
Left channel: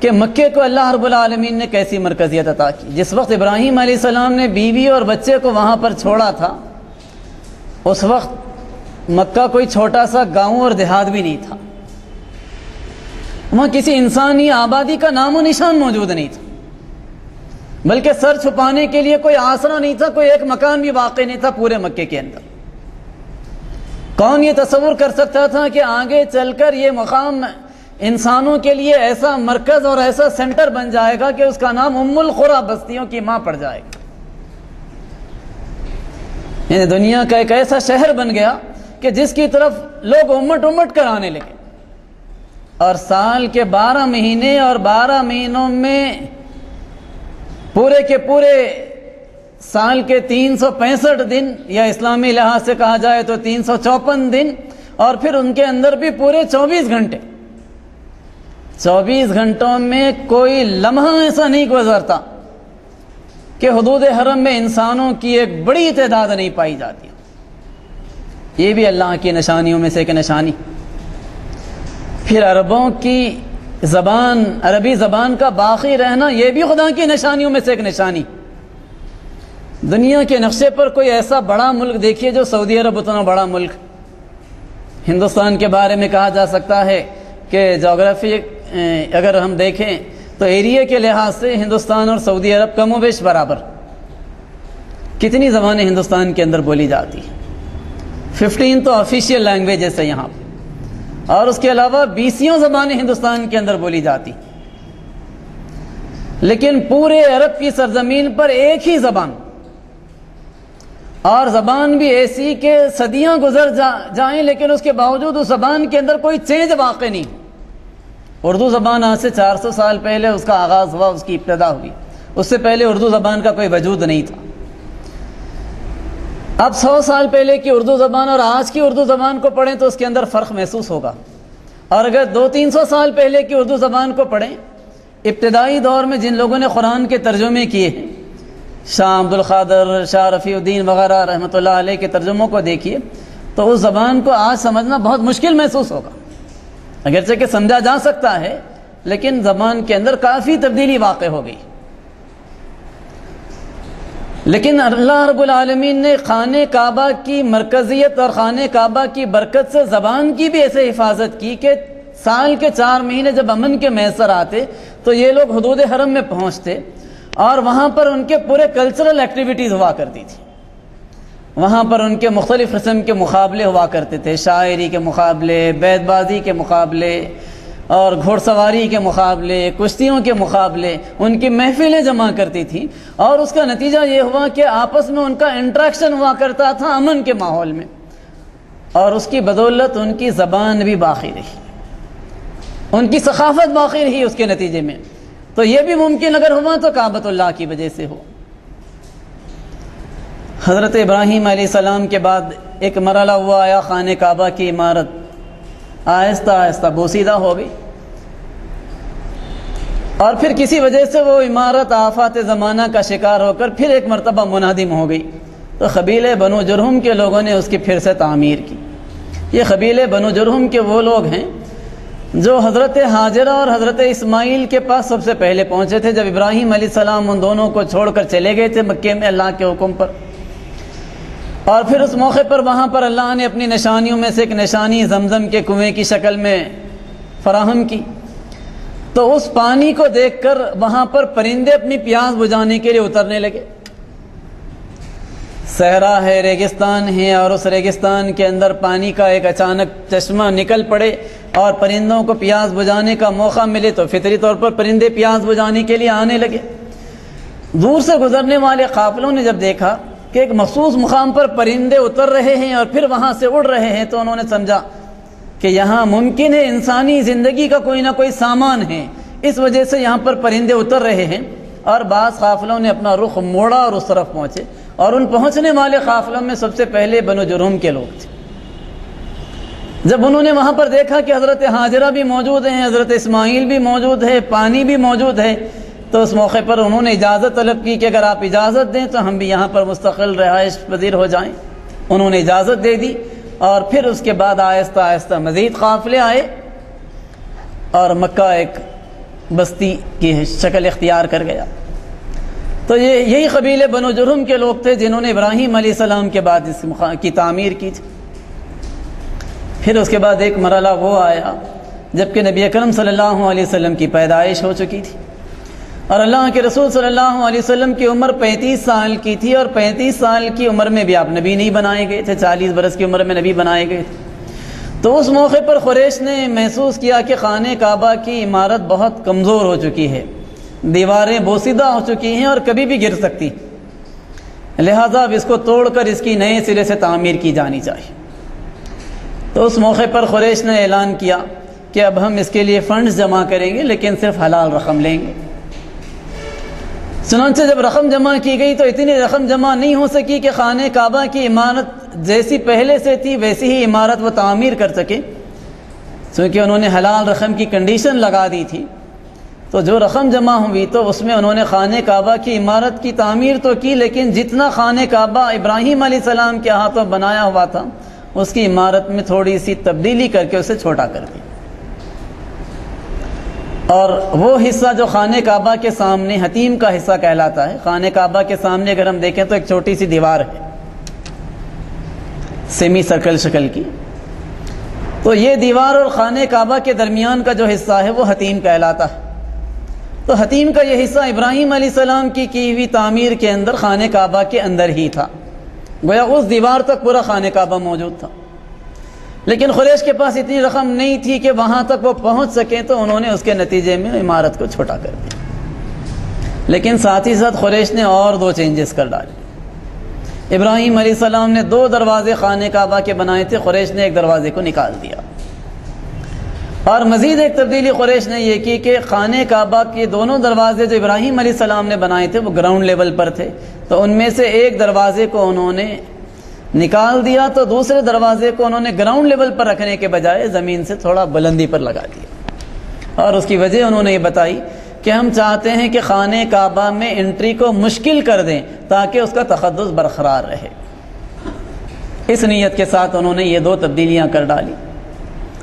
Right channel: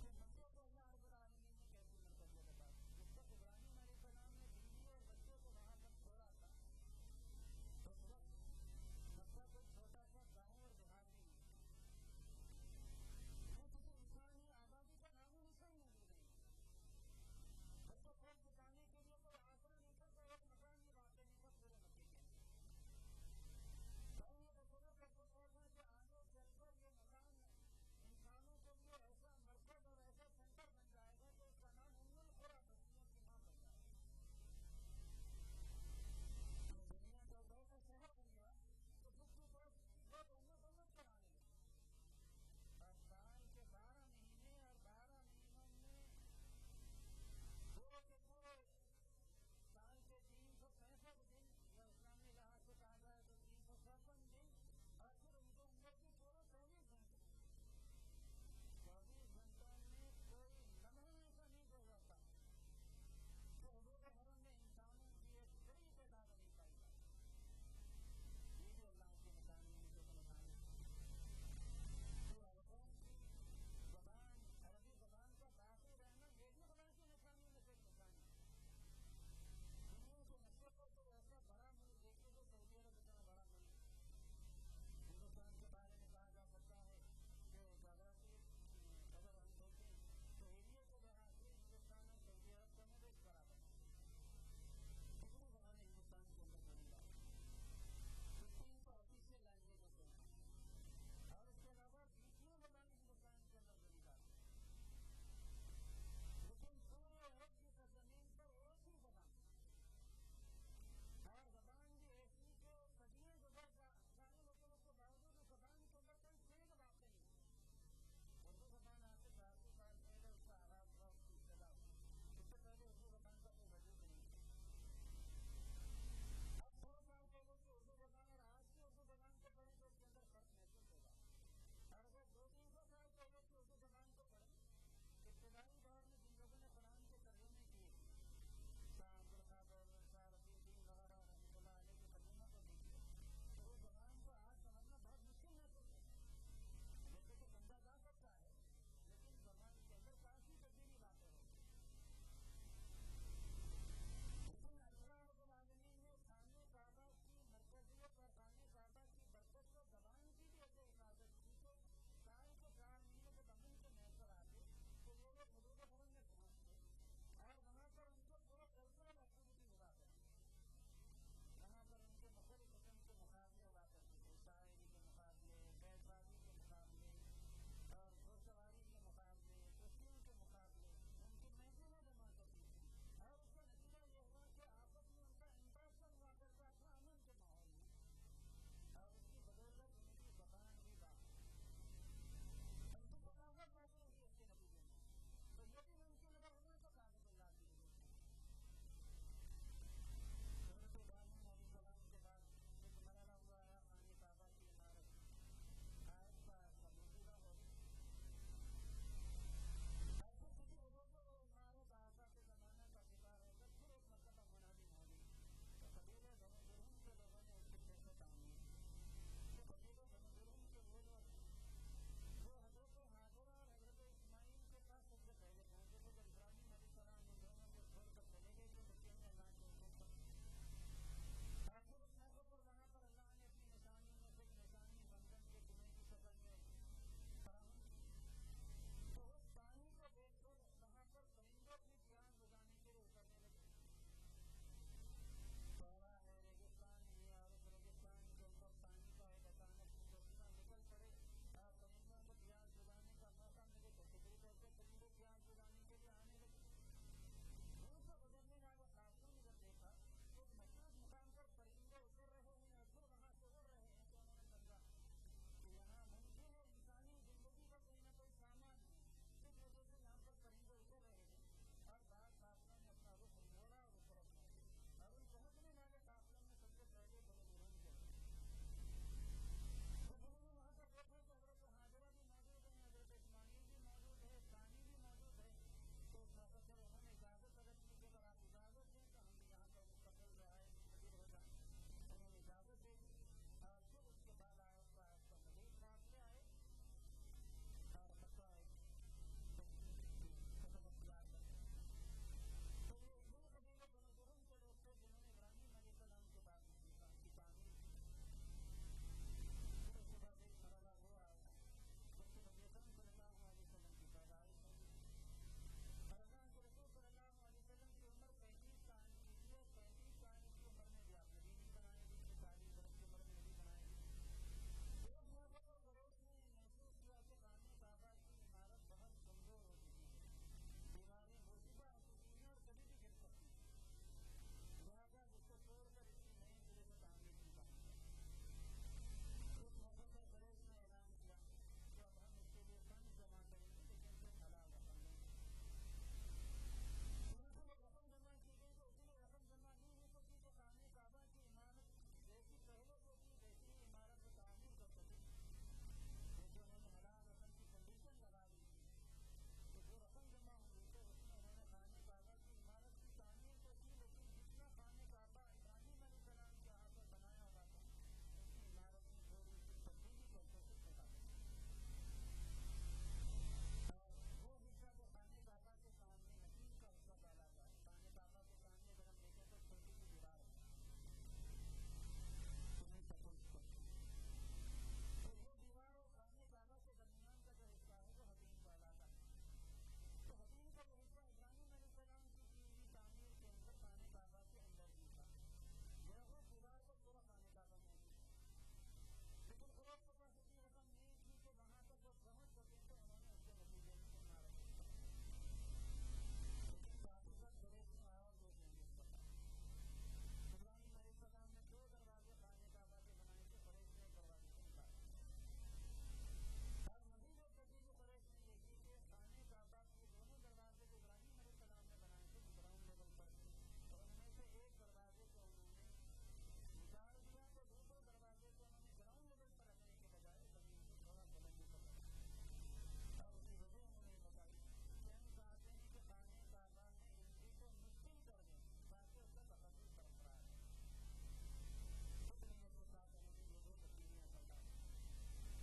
کہ مکے کو اللہ رب العالمین نے کیسی مرکزیت عطا کی. جس وقت ابراہیم علیہ السلام نے بیوی اور بچے کو وہاں پر چھوڑا تھا، اس وقت مکہ کوئی چھوٹا سا گاؤں اور دیہات بھی نہیں تھا. وہاں کسی انسانی آبادی کا نام و نشان موجود نہیں تھا، بلکہ سر چھپانے کے لیے کوئی آسرا نہیں تھا، کوئی ایک مکان بھی واقع نہیں تھا پورے مکے کے اندر. کون یہ تصور کر سکتا تھا کہ آگے چل کر یہ مقام انسانوں کے لیے ایسا مرکز اور ایسا سینٹر بن جائے گا کہ اس کا نام ام القری، بستیوں کی ماں پڑ جائے گا. یعنی دنیا کا ایک ایسا شہر بن گیا کہ جس کی طرف لوگ امٹ کر آنے لگے. اور سال کے 12 مہینے اور 12 مہینوں میں پورے کے پورے سال کے 365 دن، یا اسلامی لحاظ سے کہا جائے تو 354 دن، اور پھر ان کے اندر بھی پورے 24 گھنٹے. 24 گھنٹوں میں کوئی لمحہ ایسا نہیں گزرتا کہ حدود حرم میں انسانوں کی ایک بڑی تعداد نہیں پائی جاتی. یہ بھی اللہ کی نشانیوں میں سے ایک نشانی. پھر عربوں کی زبان، عربی زبان کا باقی رہنا، یہ بھی خدا کی نشانیوں میں سے ایک نشانی. دنیا کے نقشے پر کوئی ایسا بڑا ملک دیکھیے جو سعودی عرب اتنا بڑا ملک. ہندوستان کے بارے میں کہا جا سکتا ہے کہ جغرافی اگر ہم دیکھیں تو ایریا کے لحاظ سے ہندوستان اور سعودی عرب کم و بیش برابر. کتنی زبانیں ہندوستان کے اندر بولی جاتی ہیں؟ 15 تو آفیشیل لینگویجز ہے یہاں پہ، اور اس کے علاوہ 20 زبانیں ہندوستان کے اندر بولی جاتی. لیکن پورے عرب کی سرزمین پر ایک ہی زبان، اور زبان بھی ایسی کہ صدیاں گزر جائیں لیکن اس کے باوجود اس زبان کے اندر کوئی چینج واقع نہیں. اردو زبان آج سے 400 سال پہلے اس کا آغاز ہوا، اس کی ابتدا ہوئی. اس سے پہلے اردو زبان کا کوئی وجود نہیں تھا. اب 100 سال پہلے کی اردو زبان اور آج کی اردو زبان کو پڑھیں تو اس کے اندر فرق محسوس ہوگا. اور اگر 200-300 سال پہلے کی اردو زبان کو پڑھیں، ابتدائی دور میں جن لوگوں نے قرآن کے ترجمے کیے ہیں، شاہ عبد القادر، شاہ رفیع الدین وغیرہ رحمۃ اللہ علیہ کے ترجموں کو دیکھیے تو اس زبان کو آج سمجھنا بہت مشکل محسوس ہوگا. اگرچہ کہ سمجھا جا سکتا ہے لیکن زبان کے اندر کافی تبدیلی واقع ہو گئی. لیکن اللہ رب العالمین نے خانہ کعبہ کی مرکزیت اور خانہ کعبہ کی برکت سے زبان کی بھی ایسے حفاظت کی کہ سال کے 4 مہینے جب امن کے میسر آتے تو یہ لوگ حدود حرم میں پہنچتے اور وہاں پر ان کے پورے کلچرل ایکٹیویٹیز ہوا کرتی تھی. وہاں پر ان کے مختلف قسم کے مقابلے ہوا کرتے تھے، شاعری کے مقابلے، بیت بازی کے مقابلے، اور گھوڑ سواری کے مقابلے، کشتیوں کے مقابلے. ان کی محفلیں جمع کرتی تھیں اور اس کا نتیجہ یہ ہوا کہ آپس میں ان کا انٹریکشن ہوا کرتا تھا امن کے ماحول میں، اور اس کی بدولت ان کی زبان بھی باقی رہی، ان کی ثقافت باقی رہی اس کے نتیجے میں. تو یہ بھی ممکن اگر ہوا تو کعبۃ اللہ کی وجہ سے ہو. حضرت ابراہیم علیہ السلام کے بعد ایک مرحلہ ہوا آیا، خانہ کعبہ کی عمارت آہستہ آہستہ بوسیدہ ہو گئی، اور پھر کسی وجہ سے وہ عمارت آفات زمانہ کا شکار ہو کر پھر ایک مرتبہ منہدم ہو گئی. تو قبیلے بنو جرہم کے لوگوں نے اس کی پھر سے تعمیر کی. یہ قبیلے بنو جرہم کے وہ لوگ ہیں جو حضرت ہاجرہ اور حضرت اسماعیل کے پاس سب سے پہلے پہنچے تھے جب ابراہیم علیہ السلام ان دونوں کو چھوڑ کر چلے گئے تھے مکے میں اللہ کے حکم پر. اور پھر اس موقع پر وہاں پر اللہ نے اپنی نشانیوں میں سے ایک نشانی زمزم کے کنویں کی شکل میں فراہم کی. تو اس پانی کو دیکھ کر وہاں پر پرندے اپنی پیاس بجھانے کے لیے اترنے لگے. صحرا ہے، ریگستان ہے، اور اس ریگستان کے اندر پانی کا ایک اچانک چشمہ نکل پڑے اور پرندوں کو پیاس بجھانے کا موقع ملے تو فطری طور پر پرندے پیاس بجھانے کے لیے آنے لگے. دور سے گزرنے والے قافلوں نے جب دیکھا کہ ایک مخصوص مقام پر پرندے اتر رہے ہیں اور پھر وہاں سے اڑ رہے ہیں تو انہوں نے سمجھا کہ یہاں ممکن ہے انسانی زندگی کا کوئی نہ کوئی سامان ہے، اس وجہ سے یہاں پر پرندے اتر رہے ہیں. اور بعض قافلوں نے اپنا رخ موڑا اور اس طرف پہنچے، اور ان پہنچنے والے قافلوں میں سب سے پہلے بنو جرہم کے لوگ تھے. جب انہوں نے وہاں پر دیکھا کہ حضرت ہاجرہ بھی موجود ہیں، حضرت اسماعیل بھی موجود ہے، پانی بھی موجود ہے، تو اس موقع پر انہوں نے اجازت طلب کی کہ اگر آپ اجازت دیں تو ہم بھی یہاں پر مستقل رہائش پذیر ہو جائیں. انہوں نے اجازت دے دی، اور پھر اس کے بعد آہستہ آہستہ مزید قافلے آئے اور مکہ ایک بستی کی شکل اختیار کر گیا. تو یہی قبیلے بنو جرہم کے لوگ تھے جنہوں نے ابراہیم علیہ السلام کے بعد اس کی تعمیر کی تھی. پھر اس کے بعد ایک مرحلہ وہ آیا جبکہ نبی اکرم صلی اللہ علیہ وسلم کی پیدائش ہو چکی تھی، اور اللہ کے رسول صلی اللہ علیہ وسلم کی عمر 35 سال کی تھی، اور 35 سال کی عمر میں بھی آپ نبی نہیں بنائے گئے تھے، 40 برس کی عمر میں نبی بنائے گئے تھے. تو اس موقع پر قریش نے محسوس کیا کہ خانہ کعبہ کی عمارت بہت کمزور ہو چکی ہے، دیواریں بوسیدہ ہو چکی ہیں اور کبھی بھی گر سکتی، لہذا اب اس کو توڑ کر اس کی نئے سرے سے تعمیر کی جانی چاہیے. تو اس موقع پر قریش نے اعلان کیا کہ اب ہم اس کے لیے فنڈز جمع کریں گے لیکن صرف حلال رقم لیں گے. چنانچہ جب رقم جمع کی گئی تو اتنی رقم جمع نہیں ہو سکی کہ خانہ کعبہ کی عمارت جیسی پہلے سے تھی ویسی ہی عمارت وہ تعمیر کر سکے، چونکہ انہوں نے حلال رقم کی کنڈیشن لگا دی تھی۔ تو جو رقم جمع ہوئی تو اس میں انہوں نے خانہ کعبہ کی عمارت کی تعمیر تو کی، لیکن جتنا خانہ کعبہ ابراہیم علیہ السلام کے ہاتھوں بنایا ہوا تھا اس کی عمارت میں تھوڑی سی تبدیلی کر کے اسے چھوٹا کر دیا، اور وہ حصہ جو خانہ کعبہ کے سامنے حتیم کا حصہ کہلاتا ہے، خانہ کعبہ کے سامنے اگر ہم دیکھیں تو ایک چھوٹی سی دیوار ہے سیمی سرکل شکل کی، تو یہ دیوار اور خانہ کعبہ کے درمیان کا جو حصہ ہے وہ حتیم کہلاتا ہے۔ تو حتیم کا یہ حصہ ابراہیم علیہ السلام کی ہوئی تعمیر کے اندر خانہ کعبہ کے اندر ہی تھا، گویا اس دیوار تک پورا خانہ کعبہ موجود تھا، لیکن قریش کے پاس اتنی رقم نہیں تھی کہ وہاں تک وہ پہنچ سکیں، تو انہوں نے اس کے نتیجے میں عمارت کو چھوٹا کر دیا۔ لیکن ساتھ ہی ساتھ قریش نے اور 2 چینجز کر ڈالے۔ ابراہیم علیہ السلام نے 2 دروازے خانہ کعبہ کے بنائے تھے، قریش نے 1 دروازے کو نکال دیا، اور مزید ایک تبدیلی قریش نے یہ کی کہ خانہ کعبہ کے دونوں دروازے جو ابراہیم علیہ السلام نے بنائے تھے وہ گراؤنڈ لیول پر تھے، تو ان میں سے ایک دروازے کو انہوں نے نکال دیا، تو دوسرے دروازے کو انہوں نے گراؤنڈ لیول پر رکھنے کے بجائے زمین سے تھوڑا بلندی پر لگا دیا، اور اس کی وجہ انہوں نے یہ بتائی کہ ہم چاہتے ہیں کہ خانہ کعبہ میں انٹری کو مشکل کر دیں تاکہ اس کا تقدس برقرار رہے۔ اس نیت کے ساتھ انہوں نے یہ 2 تبدیلیاں کر ڈالی،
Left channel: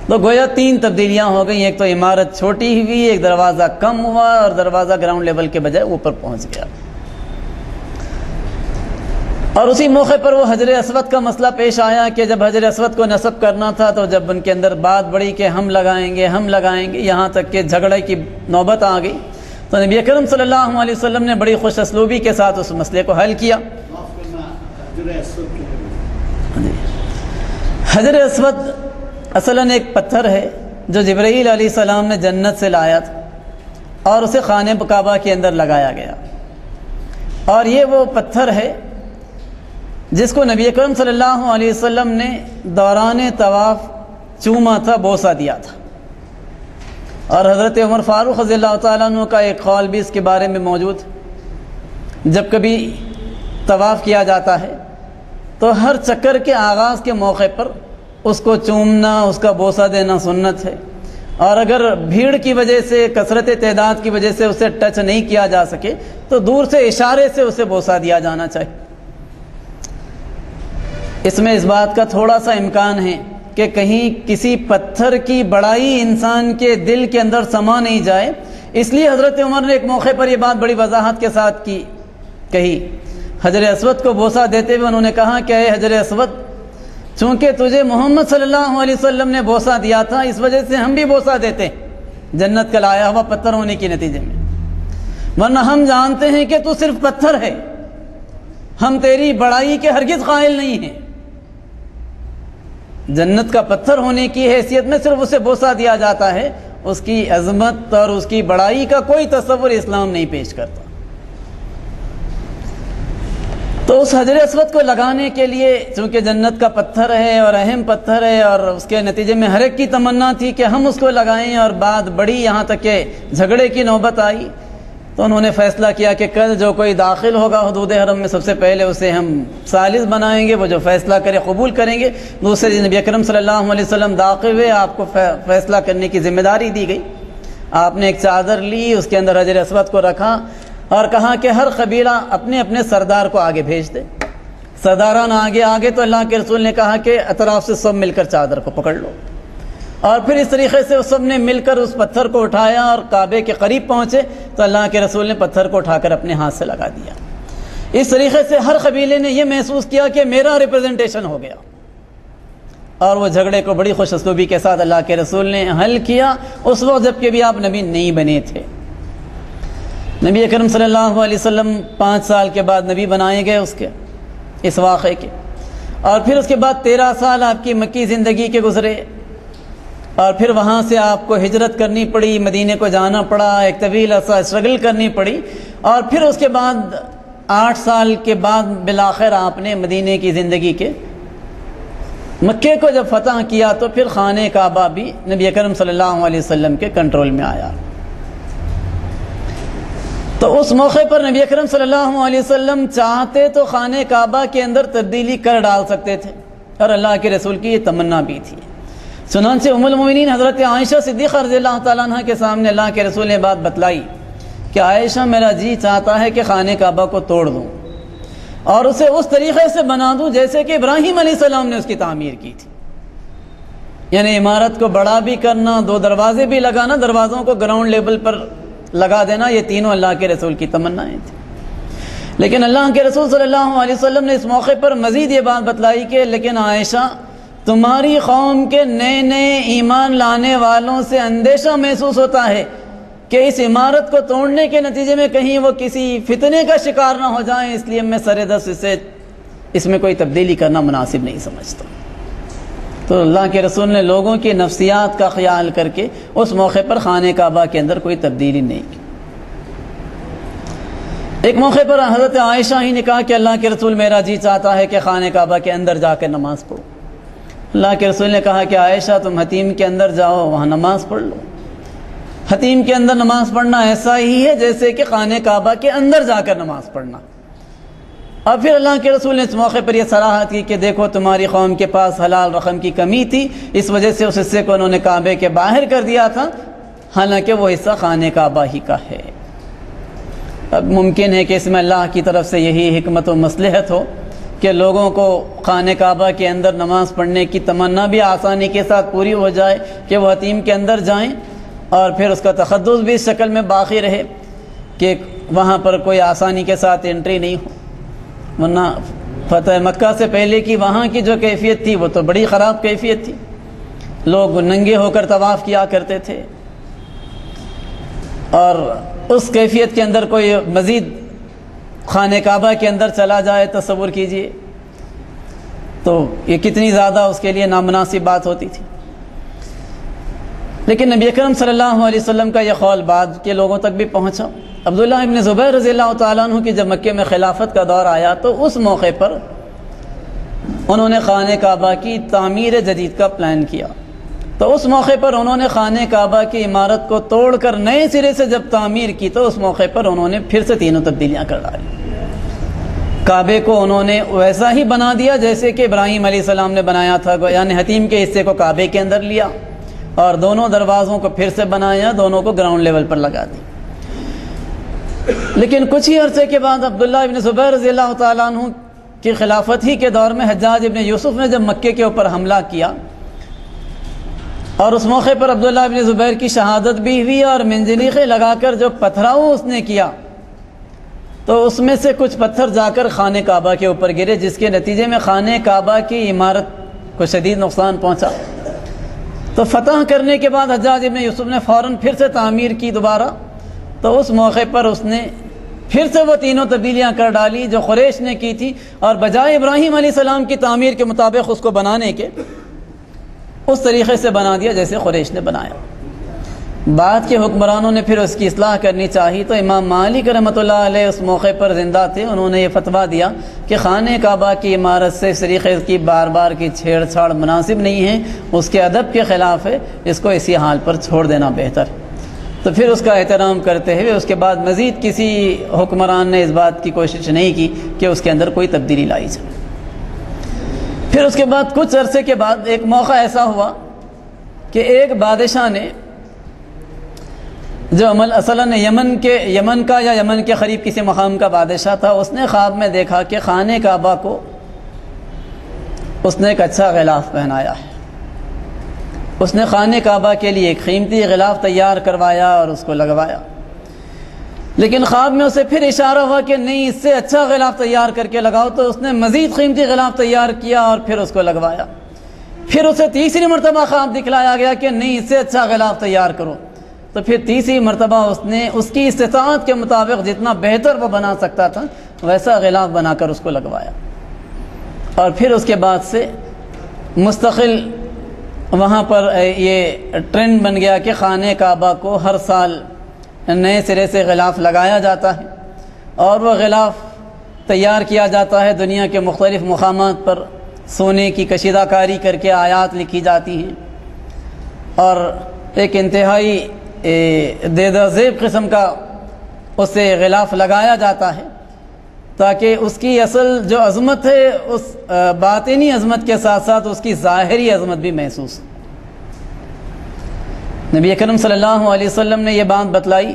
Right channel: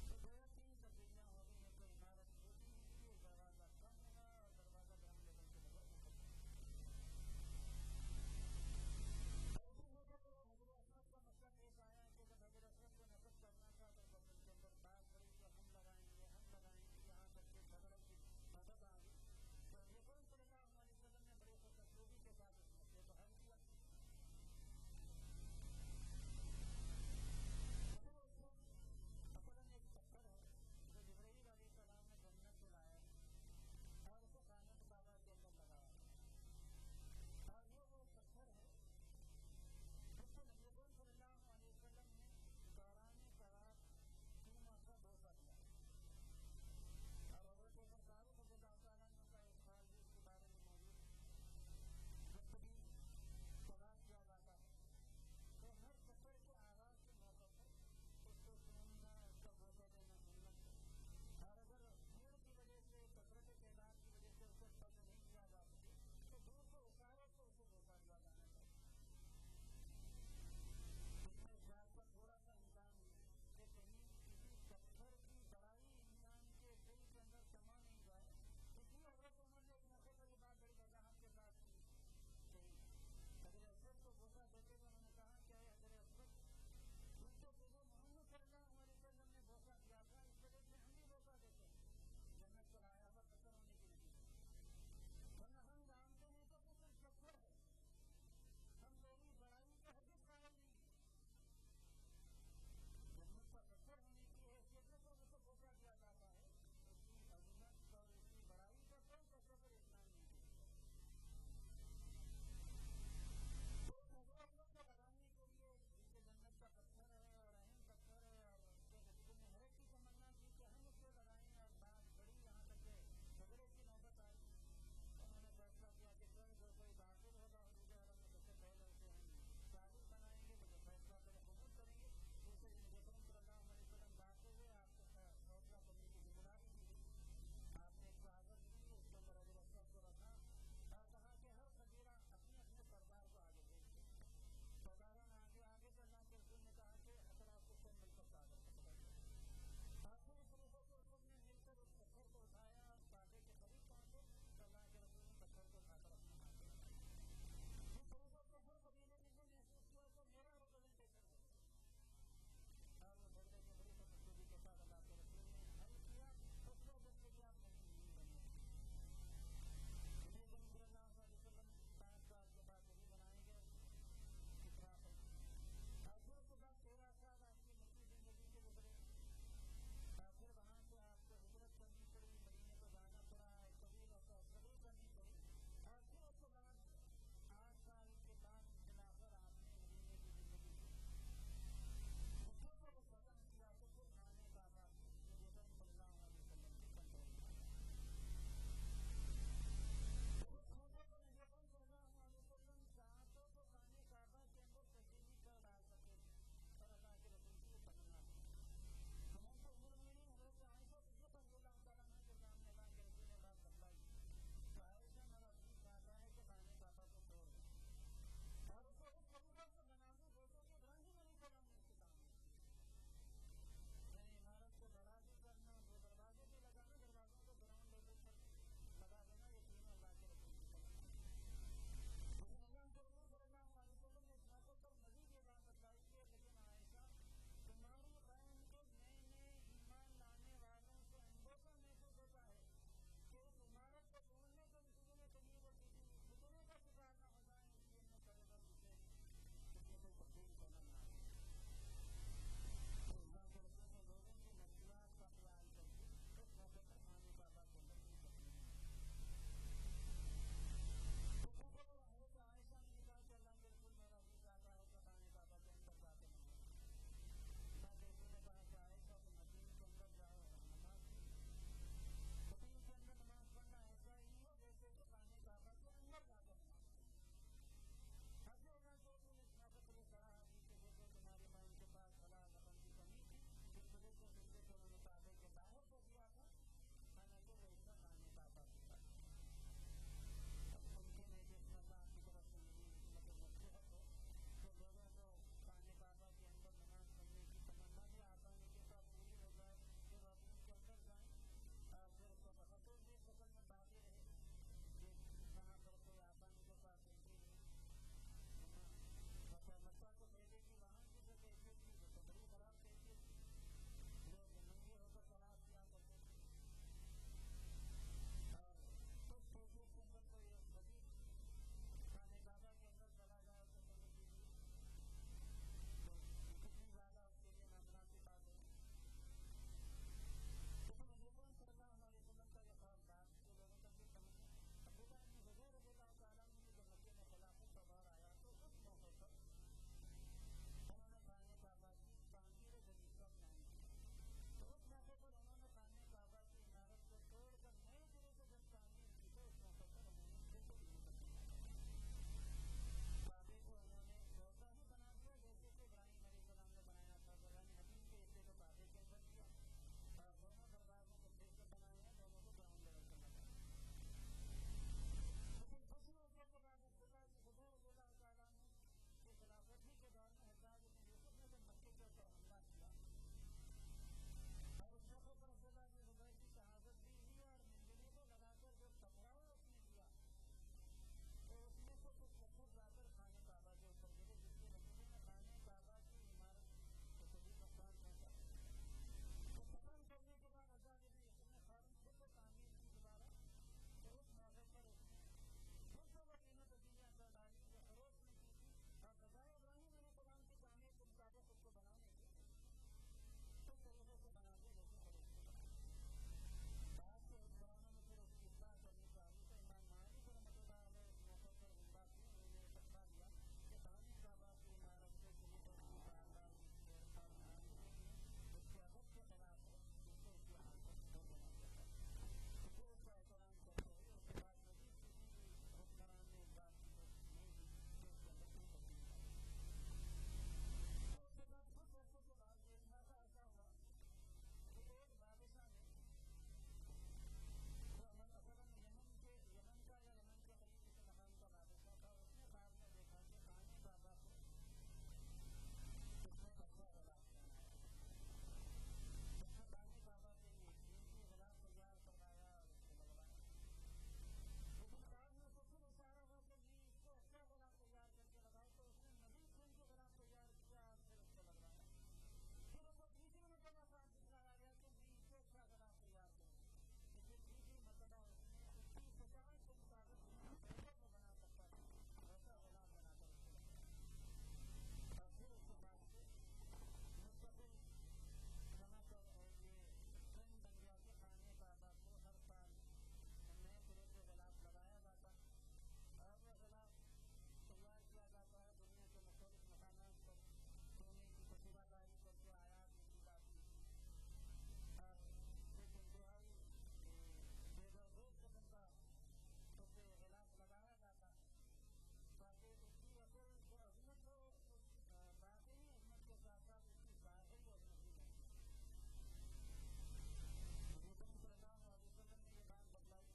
تو گویا 3 تبدیلیاں ہو گئی، ایک تو عمارت چھوٹی ہوئی، ایک دروازہ کم ہوا، اور دروازہ گراؤنڈ لیول کے بجائے اوپر پہنچ گیا۔ اور اسی موقع پر وہ حجر اسود کا مسئلہ پیش آیا کہ جب حجر اسود کو نصب کرنا تھا تو جب ان کے اندر بات بڑھی کہ ہم لگائیں گے، یہاں تک کہ جھگڑے کی نوبت آ گئی، تو نبی اکرم صلی اللہ علیہ وسلم نے بڑی خوش اسلوبی کے ساتھ اس مسئلے کو حل کیا۔ حجر اسود اصلاً ایک پتھر ہے جو جبرائیل علیہ السلام نے جنت سے لایا تھا اور اسے خانہ کعبہ کے اندر لگایا گیا، اور یہ وہ پتھر ہے جس کو نبی اکرم صلی اللہ علیہ وسلم نے دوران طواف چوما تھا، بوسہ دیا تھا، اور حضرت عمر فاروق رضی اللہ تعالیٰ عنہ کا ایک قول بھی اس کے بارے میں موجود ہے۔ جب کبھی طواف کیا جاتا ہے تو ہر چکر کے آغاز کے موقع پر اس کو چومنا، اس کا بوسہ دینا سنت ہے، اور اگر بھیڑ کی وجہ سے، کثرت تعداد کی وجہ سے اسے ٹچ نہیں کیا جا سکے تو دور سے اشارے سے اسے بوسہ دیا جانا چاہیے۔ اس میں اس بات کا تھوڑا سا امکان ہے کہ کہیں کسی پتھر کی بڑائی انسان کے دل کے اندر سما نہیں جائے، اس لیے حضرت عمر نے ایک موقع پر یہ بات بڑی وضاحت کے ساتھ کہی۔ حجر اسود کو بوسہ دیتے ہوئے انہوں نے کہا کہ اے حجر اسود، چونکہ تجھے محمد صلی اللہ علیہ وسلم نے بوسہ دیا تھا، اس وجہ سے ہم بھی بوسہ دیتے جنت کا لایا ہوا پتھر ہونے کے نتیجے میں، ورنہ ہم جانتے ہیں کہ تو صرف پتھر ہے، ہم تیری بڑائی کے ہرگز قائل نہیں ہیں۔ جنت کا پتھر ہونے کی حیثیت میں صرف اسے بوسہ دیا جاتا ہے، اس کی عظمت اور اس کی بڑائی کا کوئی تصور اسلام نہیں پیش کرتا۔ تو اس حجر اسود کو لگانے کے لیے چونکہ جنت کا پتھر ہے اور اہم پتھر ہے، اور اس کے نتیجے میں ہر ایک کی تمنا تھی کہ ہم اس کو لگائیں، اور بات بڑی یہاں تک کہ جھگڑے کی نوبت آئی، تو انہوں نے فیصلہ کیا کہ کل جو کوئی داخل ہوگا حدود حرم میں سب سے پہلے اسے ہم ثالث بنائیں گے، وہ جو فیصلہ کرے قبول کریں گے۔ دوسرے دن نبی اکرم صلی اللہ علیہ وسلم داخل ہوئے، آپ کو فیصلہ کرنے کی ذمہ داری دی گئی۔ آپ نے ایک چادر لی، اس کے اندر حجر اسود کو رکھا اور کہا کہ ہر قبیلہ اپنے اپنے سردار کو آگے بھیج دے۔ سرداران آگے تو اللہ کے رسول نے کہا کہ اطراف سے سب مل کر چادر کو پکڑ لو، اور پھر اس طریقے سے سب نے مل کر اس پتھر کو اٹھایا اور کعبے کے قریب پہنچے تو اللہ کے رسول نے پتھر کو اٹھا کر اپنے ہاتھ سے لگا دیا۔ اس طریقے سے ہر قبیلے نے یہ محسوس کیا کہ میرا ریپرزنٹیشن ہو گیا، اور وہ جھگڑے کو بڑی خوش اسلوبی کے ساتھ اللہ کے رسول نے حل کیا، اس وقت جب کہ بھی آپ نبی نہیں بنے تھے۔ نبی اکرم صلی اللہ علیہ وسلم 5 سال کے بعد نبی بنائے گئے اس واقعے کے، اور پھر اس کے بعد 13 سال آپ کی مکی زندگی کے گزرے، اور پھر وہاں سے آپ کو ہجرت کرنی پڑی، مدینے کو جانا پڑا، ایک طویل عرصہ اسٹرگل کرنی پڑی، اور پھر اس کے بعد 8 سال کے بعد بالآخر آپ نے مدینے کی زندگی کے مکے کو جب فتح کیا تو پھر خانہ کعبہ بھی نبی اکرم صلی اللہ علیہ وسلم کے کنٹرول میں آیا۔ تو اس موقع پر نبی اکرم صلی اللہ علیہ وسلم چاہتے تو خانہ کعبہ کے اندر تبدیلی کر ڈال سکتے تھے، اور اللہ کے رسول کی یہ تمنا بھی تھی۔ چنانچہ ام المومنین حضرت عائشہ صدیقہ رضی اللہ تعالیٰ عنہ کے سامنے اللہ کے رسول نے بات بتلائی کہ عائشہ میرا جی چاہتا ہے کہ خانہ کعبہ کو توڑ دوں اور اسے اس طریقے سے بنا دوں جیسے کہ ابراہیم علیہ السلام نے اس کی تعمیر کی تھی، یعنی عمارت کو بڑا بھی کرنا، 2 دروازے بھی لگانا، دروازوں کو گراؤنڈ لیول پر لگا دینا، یہ تینوں اللہ کے رسول کی تمنائیں تھیں۔ لیکن اللہ کے رسول صلی اللہ علیہ وسلم نے اس موقع پر مزید یہ بات بتلائی کہ لیکن عائشہ تمہاری قوم کے نئے نئے ایمان لانے والوں سے اندیشہ محسوس ہوتا ہے کہ اس عمارت کو توڑنے کے نتیجے میں کہیں وہ کسی فتنے کا شکار نہ ہو جائیں، اس لیے میں سر دست اس میں کوئی تبدیلی کرنا مناسب نہیں سمجھتا۔ تو اللہ کے رسول نے لوگوں کی نفسیات کا خیال کر کے اس موقع پر خانہ کعبہ کے اندر کوئی تبدیلی نہیں کی۔ ایک موقع پر حضرت عائشہ ہی نے کہا کہ اللہ کے رسول میرا جی چاہتا ہے کہ خانہ کعبہ کے اندر جا کر نماز پڑھو۔ اللہ کے رسول نے کہا کہ عائشہ تم حتیم کے اندر جاؤ، وہاں نماز پڑھ لو۔ حتیم کے اندر نماز پڑھنا ایسا ہی ہے جیسے کہ خانہ کعبہ کے اندر جا کر نماز پڑھنا۔ اور پھر اللہ کے رسول نے اس موقع پر یہ صراحت کی کہ دیکھو تمہاری قوم کے پاس حلال رقم کی کمی تھی، اس وجہ سے اس حصے کو انہوں نے کعبے کے باہر کر دیا تھا، حالانکہ وہ حصہ خانہ کعبہ ہی کا ہے۔ اب ممکن ہے کہ اس میں اللہ کی طرف سے یہی حکمت و مصلحت ہو کہ لوگوں کو خانہ کعبہ کے اندر نماز پڑھنے کی تمنا بھی آسانی کے ساتھ پوری ہو جائے کہ وہ حتیم کے اندر جائیں، اور پھر اس کا تقدس بھی اس شکل میں باقی رہے کہ وہاں پر کوئی آسانی کے ساتھ انٹری نہیں ہو۔ ورنہ فتح مکہ سے پہلے کی وہاں کی جو کیفیت تھی وہ تو بڑی خراب کیفیت تھی، لوگ ننگے ہو کر طواف کیا کرتے تھے، اور اس کیفیت کے اندر کوئی مزید خانہ کعبہ کے اندر چلا جائے تصور کیجئے تو یہ کتنی زیادہ اس کے لیے نامناسب بات ہوتی تھی۔ لیکن نبی اکرم صلی اللہ علیہ وسلم کا یہ قول بعد کے لوگوں تک بھی پہنچا۔ عبداللہ ابن زبیر رضی اللہ تعالیٰ عنہ کی جب مکے میں خلافت کا دور آیا تو اس موقع پر انہوں نے خانہ کعبہ کی تعمیر جدید کا پلان کیا۔ تو اس موقع پر انہوں نے خانہ کعبہ کی عمارت کو توڑ کر نئے سرے سے جب تعمیر کی تو اس موقع پر انہوں نے پھر سے تینوں تبدیلیاں کر ڈالی۔ کعبے کو انہوں نے ویسا ہی بنا دیا جیسے کہ ابراہیم علیہ السلام نے بنایا تھا، یعنی حتیم کے حصے کو کعبے کے اندر لیا اور دونوں دروازوں کو پھر سے بنایا، دونوں کو گراؤنڈ لیول پر لگا دی۔ لیکن کچھ ہی عرصے کے بعد عبداللہ ابن زبیر رضی اللہ تعالیٰ عنہ کی خلافت ہی کے دور میں حجاج ابن یوسف نے جب مکے کے اوپر حملہ کیا اور اس موقع پر عبداللہ ابن زبیر کی شہادت بھی ہوئی اور منجنیقیں لگا کر جو پتھراؤ اس نے کیا تو اس میں سے کچھ پتھر جا کر خانہ کعبہ کے اوپر گرے، جس کے نتیجے میں خانہ کعبہ کی عمارت کو شدید نقصان پہنچا۔ تو فتح کرنے کے بعد حجاج ابن یوسف نے فوراً پھر سے تعمیر کی دوبارہ، تو اس موقع پر اس نے پھر سے وہ تینوں تبدیلیاں کر ڈالی جو قریش نے کی تھی، اور بجائے ابراہیم علیہ السلام کی تعمیر کے مطابق اس کو بنانے کے اس طریقے سے بنا دیا جیسے قریش نے بنایا۔ بعد کے حکمرانوں نے پھر اس کی اصلاح کرنی چاہی تو امام مالک رحمۃ اللہ علیہ اس موقع پر زندہ تھے، انہوں نے یہ فتویٰ دیا کہ خانہ کعبہ کی عمارت سے اس طریقے کی بار بار کی چھیڑ چھاڑ مناسب نہیں ہے، اس کے ادب کے خلاف ہے، اس کو اسی حال پر چھوڑ دینا بہتر۔ تو پھر اس کا احترام کرتے ہوئے اس کے بعد مزید کسی حکمران نے اس بات کی کوشش نہیں کی کہ اس کے اندر کوئی تبدیلی لائی جائے۔ پھر اس کے بعد کچھ عرصے کے بعد ایک موقع ایسا ہوا کہ ایک بادشاہ نے جو اصلاً یمن کا یا یمن کے قریب کسی مقام کا بادشاہ تھا، اس نے خواب میں دیکھا کہ خانہ کعبہ کو اس نے ایک اچھا غلاف پہنایا ہے۔ اس نے خانہ کعبہ کے لیے ایک قیمتی غلاف تیار کروایا اور اس کو لگوایا، لیکن خواب میں اسے پھر اشارہ ہوا کہ نہیں، اس سے اچھا غلاف تیار کر کے لگاؤ، تو اس نے مزید قیمتی غلاف تیار کیا اور پھر اس کو لگوایا۔ پھر اسے تیسری مرتبہ خواب دکھلایا گیا کہ نہیں، اس سے اچھا غلاف تیار کرو، تو پھر تیسری مرتبہ اس نے اس کی استطاعت کے مطابق جتنا بہتر وہ بنا سکتا تھا ویسا غلاف بنا کر اس کو لگوایا، اور پھر اس کے بعد سے مستقل وہاں پر یہ ٹرینڈ بن گیا کہ خانہ کعبہ کو ہر سال نئے سرے سے غلاف لگایا جاتا ہے اور وہ غلاف تیار کیا جاتا ہے، دنیا کے مختلف مقامات پر سونے کی کشیدہ کاری کر کے آیات لکھی جاتی ہیں، اور ایک انتہائی دیدہ زیب قسم کا اسے غلاف لگایا جاتا ہے تاکہ اس کی اصل جو عظمت ہے اس باطنی عظمت کے ساتھ ساتھ اس کی ظاہری عظمت بھی محسوس ہو۔ نبی اکرم صلی اللہ علیہ وسلم نے یہ بات بتلائی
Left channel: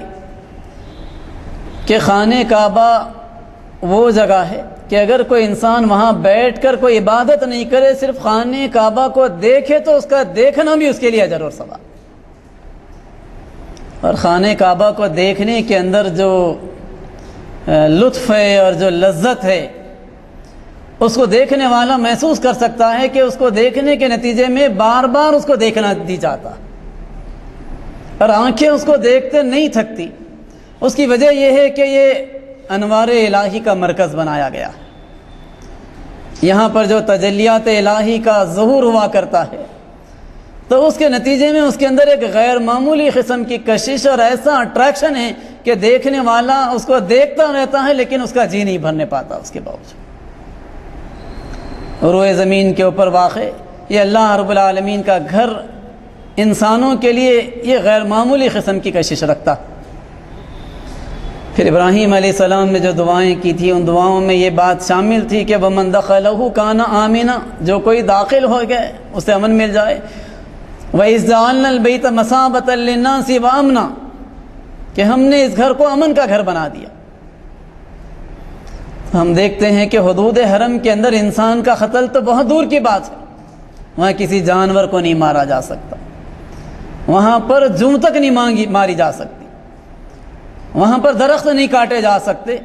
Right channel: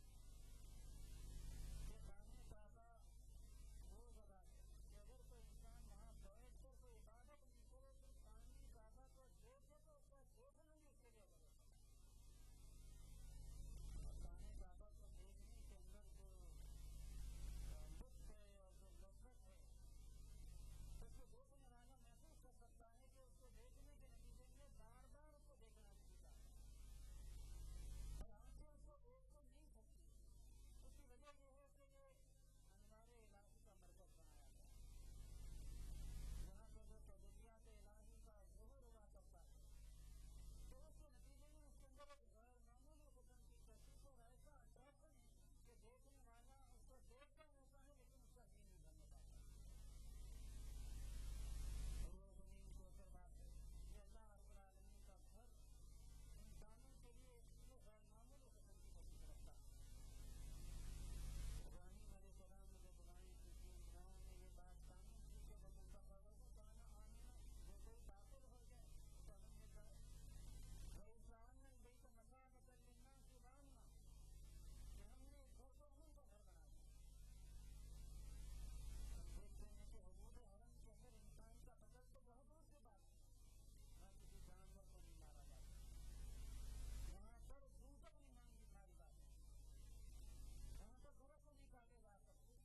کہ خانہ کعبہ وہ جگہ ہے کہ اگر کوئی انسان وہاں بیٹھ کر کوئی عبادت نہیں کرے، صرف خانہ کعبہ کو دیکھے تو اس کا دیکھنا بھی اس کے لیے اجر اور ثواب۔ اور خانہ کعبہ کو دیکھنے کے اندر جو لطف ہے اور جو لذت ہے اس کو دیکھنے والا محسوس کر سکتا ہے کہ اس کو دیکھنے کے نتیجے میں بار بار اس کو دیکھنا دی جاتا، اور آنکھیں اس کو دیکھتے نہیں تھکتی۔ اس کی وجہ یہ ہے کہ یہ انوار الہی کا مرکز بنایا گیا، یہاں پر جو تجلیات الہی کا ظہور ہوا کرتا ہے، تو اس کے نتیجے میں اس کے اندر ایک غیر معمولی قسم کی کشش اور ایسا اٹریکشن ہے کہ دیکھنے والا اس کو دیکھتا رہتا ہے لیکن اس کا جی نہیں بھرنے پاتا اس کے باوجود۔ روئے زمین کے اوپر واقع یہ اللہ رب العالمین کا گھر انسانوں کے لیے یہ غیر معمولی قسم کی کشش رکھتا۔ پھر ابراہیم علیہ السلام نے جو دعائیں کی تھی ان دعاؤں میں یہ بات شامل تھی کہ وَمَن دَخَلَهُ كَانَ آمِنًا، جو کوئی داخل ہو گئے اسے امن مل جائے۔ وَإِذْ جَعَلْنَا الْبَيْتَ مَثَابَةً لِلنَّاسِ وَأَمْنًا، کہ ہم نے اس گھر کو امن کا گھر بنا دیا۔ ہم دیکھتے ہیں کہ حدود حرم کے اندر انسان کا قتل تو بہت دور کی بات ہے، وہاں کسی جانور کو نہیں مارا جا سکتا، وہاں پر جوں تک نہیں ماری جا سکتی، وہاں پر درخت نہیں کاٹے جا سکتے۔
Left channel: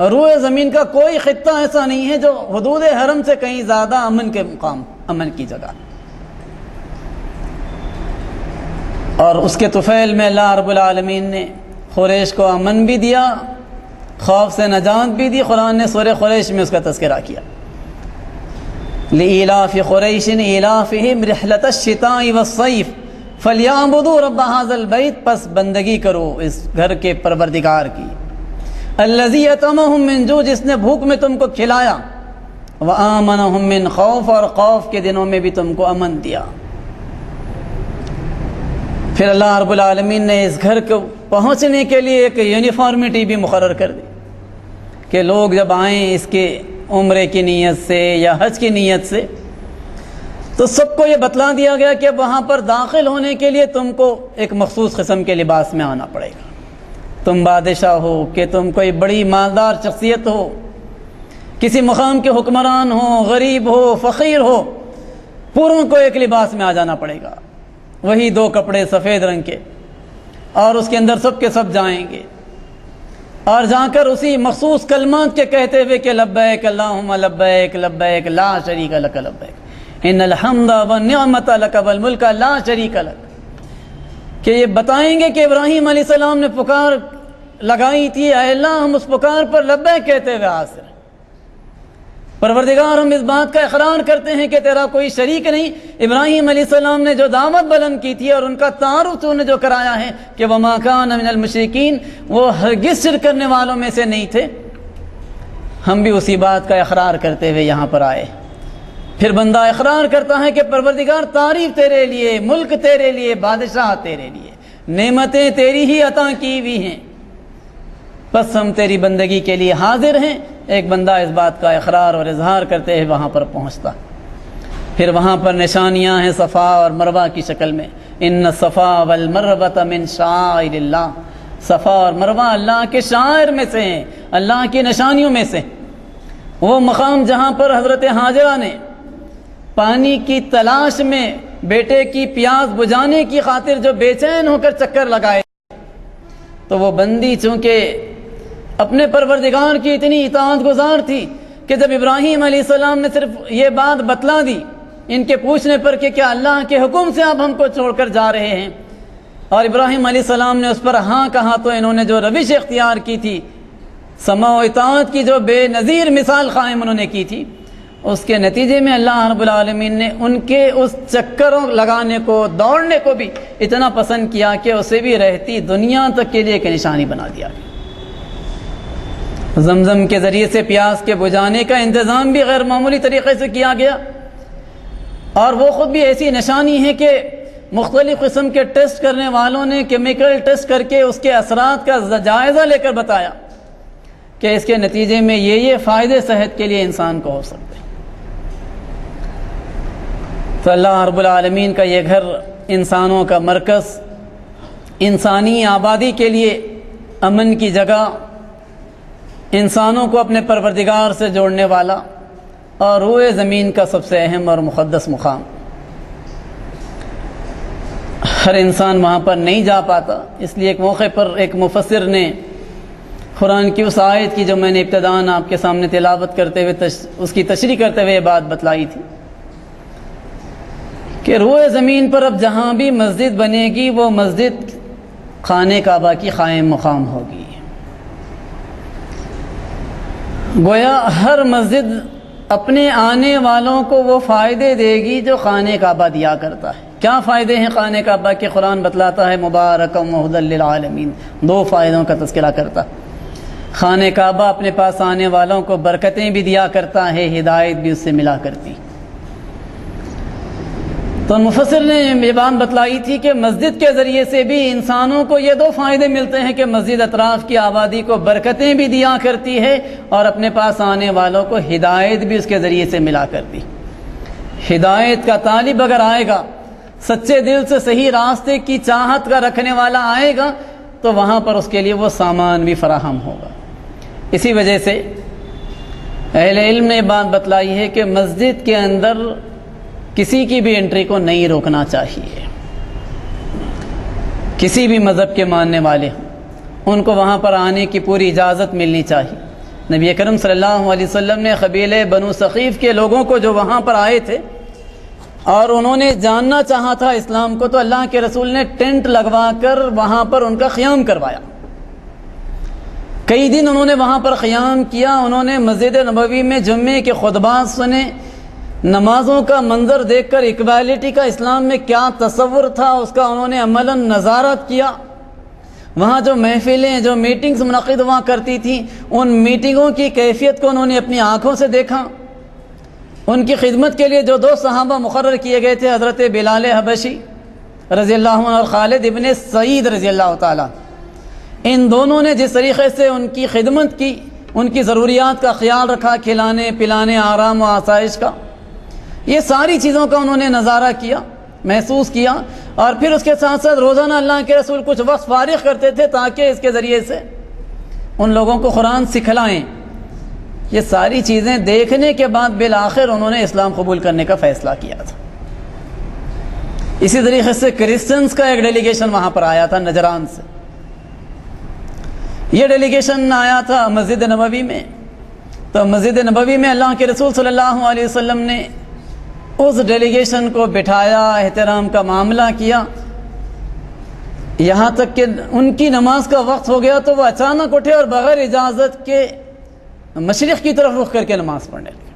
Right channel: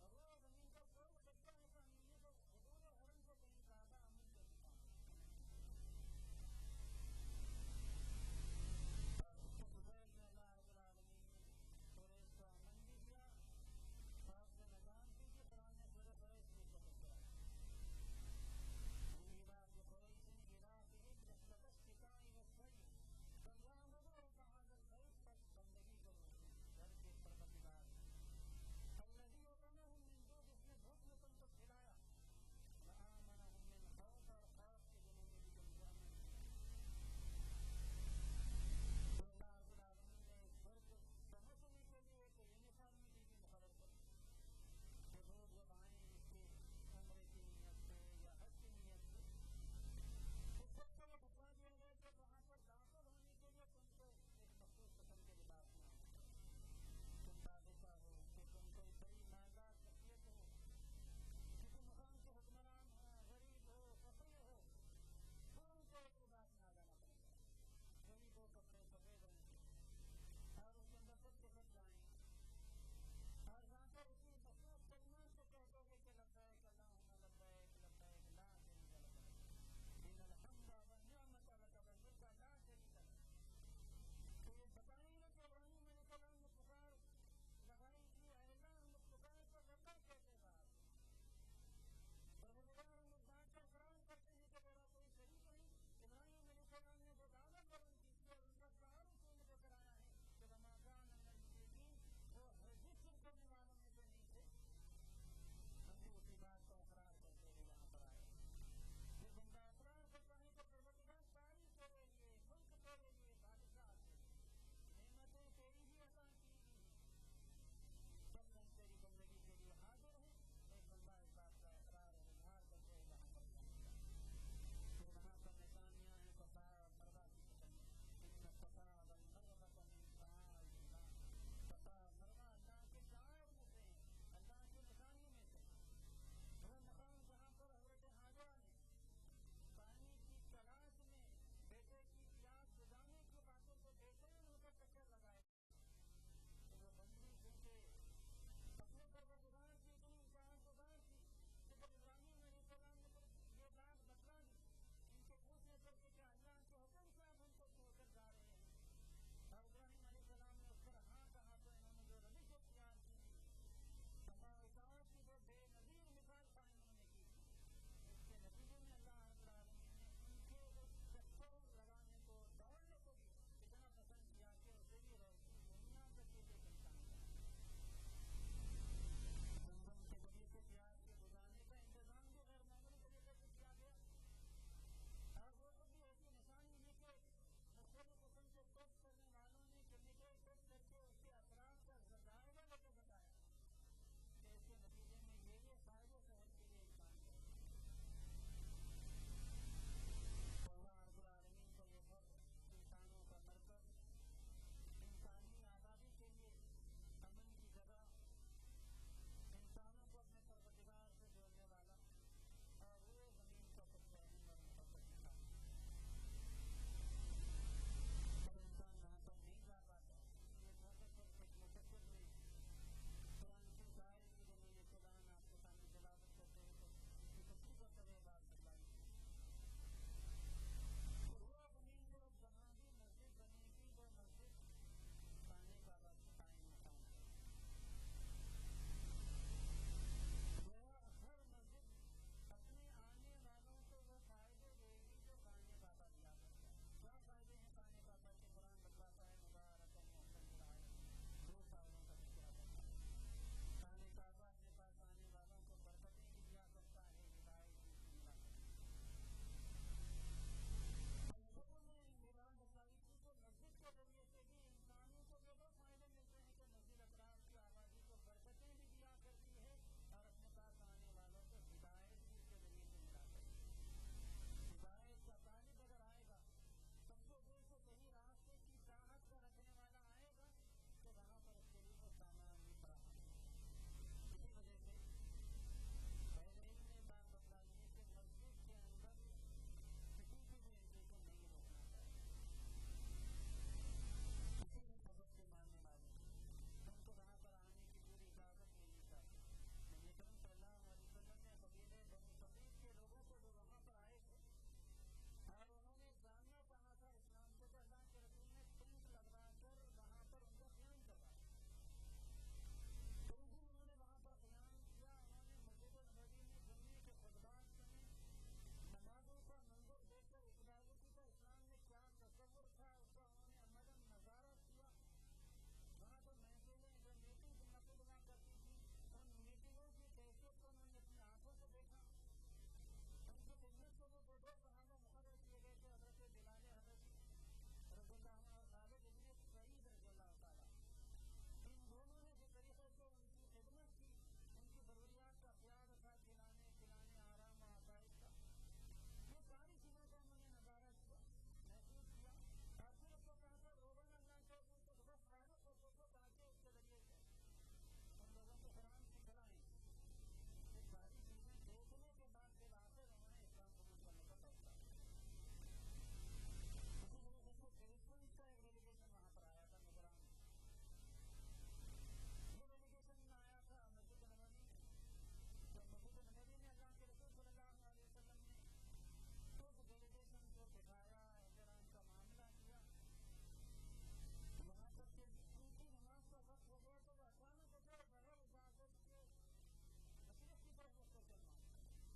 روئے زمین کا کوئی خطہ ایسا نہیں ہے جو حدود حرم سے کہیں زیادہ امن کے مقام، امن کی جگہ۔ اور اس کے طفیل میں اللہ رب العالمین نے قریش کو امن بھی دیا، خوف سے نجات بھی دی۔ قرآن نے سورہ قریش میں اس کا تذکرہ کیا، لِإِيلَافِ قُرَيْشٍ إِيلَافِهِمْ رِحْلَةَ الشِّتَاءِ وَالصَّيْفِ فَلْيَعْبُدُوا رَبَّ هَذَا الْبَيْتِ، پس بندگی کرو اس گھر کے پروردگار کی، الَّذِي أَطْعَمَهُم مِّن جوع، جس نے بھوک میں تم کو کھلایا، وَآمَنَهُم مِّن خَوْفٍ، اور خوف کے دنوں میں بھی تم کو امن دیا۔ پھر اللہ رب العالمین نے اس گھر کو پہنچنے کے لیے ایک یونیفارمٹی بھی مقرر کر دی کہ لوگ جب آئیں اس کے عمرے کی نیت سے یا حج کی نیت سے، تو سب کو یہ بتلا دیا گیا کہ وہاں پر داخل ہونے کے لیے تم کو ایک مخصوص قسم کے لباس میں آنا پڑے گا۔ تم بادشاہ ہو کہ تم کوئی بڑی مالدار شخصیت ہو، کسی مقام کے حکمران ہو، غریب ہو، فقیر ہو، پوروں کو ایک لباس میں آ جانا پڑے گا، وہی 2 کپڑے سفید رنگ کے، اور اس کے اندر سب کے سب جائیں گے، اور جا کر اسی مخصوص کلمات کے کہتے ہوئے کہ لبیک اللہم لبیک لبیک لا شریک لک لبیک ان الحمد والنعمت لک والملک لا شریک لک، کہ یہ بتائیں گے کہ ابراہیم علیہ السلام نے پکار لگائی تھی، اے اللہ ہم اس پکار پر لبیک کہتے ہوئے حاضر ہیں، پروردگار ہم اس بات کا اقرار کرتے ہیں کہ تیرا کوئی شریک نہیں۔ ابراہیم علیہ السلام نے جو دعوت بلند کی تھی اور ان کا تعارف تو نے جو کرایا ہے کہ وَمَا كَانَ مِنَ الْمُشْرِكِينَ، وہ ہرگز شرک کرنے والوں میں سے نہیں تھے، ہم بھی اسی بات کا اقرار کرتے ہوئے یہاں پر آئے۔ پھر بندہ اقرار کرتا ہے کہ پروردگار تعریف تیرے لیے، ملک تیرے لیے، بادشاہ تیرے لیے، نعمتیں تیری ہی عطا کی ہوئی ہیں، بس ہم تیری بندگی کے لیے حاضر ہیں۔ ایک بندہ اس بات کا اقرار اور اظہار کرتے ہوئے وہاں پر پہنچتا، پھر وہاں پر نشانیاں ہیں صفا اور مروہ کی شکل میں، ان الصفا والمروہ من شعائر اللہ، صفا اور مروہ اللہ کے شعائر میں سے ہیں، اللہ کی نشانیوں میں سے۔ وہ مقام جہاں پر حضرت حاجرہ نے پانی کی تلاش میں بیٹے کی پیاس بجھانے کی خاطر جو بے چین ہو کر چکر لگائے، تو وہ بندی چونکہ اپنے پروردگار کی اتنی اطاعت گزار تھی کہ جب ابراہیم علیہ السلام نے صرف یہ بات بتلا دی ان کے پوچھنے پر کہ کیا اللہ کے حکم سے آپ ہم کو چھوڑ کر جا رہے ہیں، اور ابراہیم علیہ السلام نے اس پر ہاں کہا، تو انہوں نے جو روش اختیار کی تھی، سماع و اطاعت کی جو بے نظیر مثال قائم انہوں نے کی تھی، اس کے نتیجے میں اللہ رب العالمین نے ان کے اس چکروں لگانے کو، دوڑنے کو بھی اتنا پسند کیا کہ اسے بھی رہتی دنیا تک کے لیے ایک نشانی بنا دیا۔ زمزم کے ذریعے سے پیاس کے بجھانے کا انتظام بھی غیر معمولی طریقے سے کیا گیا، اور وہ خود بھی ایسی نشانی ہے کہ مختلف قسم کے ٹیسٹ کرنے والوں نے کیمیکل ٹیسٹ کر کے اس کے اثرات کا جائزہ لے کر بتایا کہ اس کے نتیجے میں یہ فائدے صحت کے لیے انسان کو ہو سکتے ہیں۔ تو اللہ رب العالمین کا یہ گھر انسانوں کا مرکز، انسانی آبادی کے لیے امن کی جگہ، انسانوں کو اپنے پروردگار سے جوڑنے والا اور روئے زمین کا سب سے اہم اور مقدس مقام۔ ہر انسان وہاں پر نہیں جا پاتا، اس لیے ایک موقع پر ایک مفسر نے قرآن کی اس آیت کی جو میں نے ابتداً آپ کے سامنے تلاوت کرتے ہوئے اس کی تشریح کرتے ہوئے یہ بات بتلائی تھی کہ روئے زمین پر اب جہاں بھی مسجد بنے گی وہ مسجد خانہ کعبہ کی قائم مقام ہوگی۔ گویا ہر مسجد اپنے آنے والوں کو وہ فائدے دے گی جو خانہ کعبہ دیا کرتا ہے۔ کیا فائدے ہیں خانہ کعبہ کے؟ قرآن بتلاتا ہے مبارکم وہدی للعالمین، 2 فائدوں کا تذکرہ کرتا ہے۔ خانہ کعبہ اپنے پاس آنے والوں کو برکتیں بھی دیا کرتا ہے، ہدایت بھی اس سے ملا کرتی۔ تو مفسر نے یہ بات بتلائی تھی کہ مسجد کے ذریعے سے بھی انسانوں کو یہ 2 فائدے ملتے ہیں کہ مسجد اطراف کی آبادی کو برکتیں بھی دیا کرتی ہے اور اپنے پاس آنے والوں کو ہدایت بھی اس کے ذریعے سے ملا کرتی۔ ہدایت کا طالب اگر آئے گا، سچے دل سے صحیح راستے کی چاہت کا رکھنے والا آئے گا تو وہاں پر اس کے لیے وہ سامان بھی فراہم ہوگا۔ اسی وجہ سے اہل علم نے بات بتلائی ہے کہ مسجد کے اندر کسی کی بھی انٹری کو نہیں روکنا چاہیے۔ کسی بھی مذہب کے ماننے والے ہوں ان کو وہاں پر آنے کی پوری اجازت ملنی چاہیے۔ نبی اکرم صلی اللہ علیہ وسلم نے قبیلے بنو ثقیف کے لوگوں کو جو وہاں پر آئے تھے اور انہوں نے جاننا چاہا تھا اسلام کو، تو اللہ کے رسول نے ٹینٹ لگوا کر وہاں پر ان کا قیام کروایا۔ کئی دن انہوں نے وہاں پر قیام کیا، انہوں نے مسجد نبوی میں جمعے کے خطبات سنے، نمازوں کا منظر دیکھ کر اکویلٹی کا اسلام میں کیا تصور تھا اس کا انہوں نے عملاً نظارت کیا۔ وہاں جو محفلیں، جو میٹنگز منعقد ہوا کرتی تھیں، ان میٹنگوں کی کیفیت کو انہوں نے اپنی آنکھوں سے دیکھا۔ ان کی خدمت کے لیے جو 2 صحابہ مقرر کیے گئے تھے، حضرت بلال حبشی رضی اللہ عنہ اور خالد ابن سعید رضی اللہ تعالیٰ، ان دونوں نے جس طریقے سے ان کی خدمت کی، ان کی ضروریات کا خیال رکھا، کھلانے پلانے، آرام و آسائش کا، یہ ساری چیزوں کا انہوں نے نظارہ کیا، محسوس کیا۔ اور پھر اس کے ساتھ ساتھ روزانہ اللہ کے رسول کچھ وقت فارغ کرتے تھے تاکہ اس کے ذریعے سے ان لوگوں کو قرآن سکھلائیں۔ یہ ساری چیزیں دیکھنے کے بعد بالآخر انہوں نے اسلام قبول کرنے کا فیصلہ کیا تھا۔ اسی طریقے سے کرسچنز کا ایک ڈیلیگیشن وہاں پر آیا تھا نجران سے۔ یہ ڈیلیگیشن آیا تھا مسجد نبوی میں، تو مسجد نبوی میں اللہ کے رسول صلی اللہ علیہ وسلم نے اس ڈیلیگیشن کو بٹھایا، احترام کا معاملہ کیا، یہاں تک کہ ان کی نماز کا وقت ہو گیا تو وہ اچانک اٹھے اور بغیر اجازت کے مشرق کی طرف رخ کر کے نماز پڑھنے لگے۔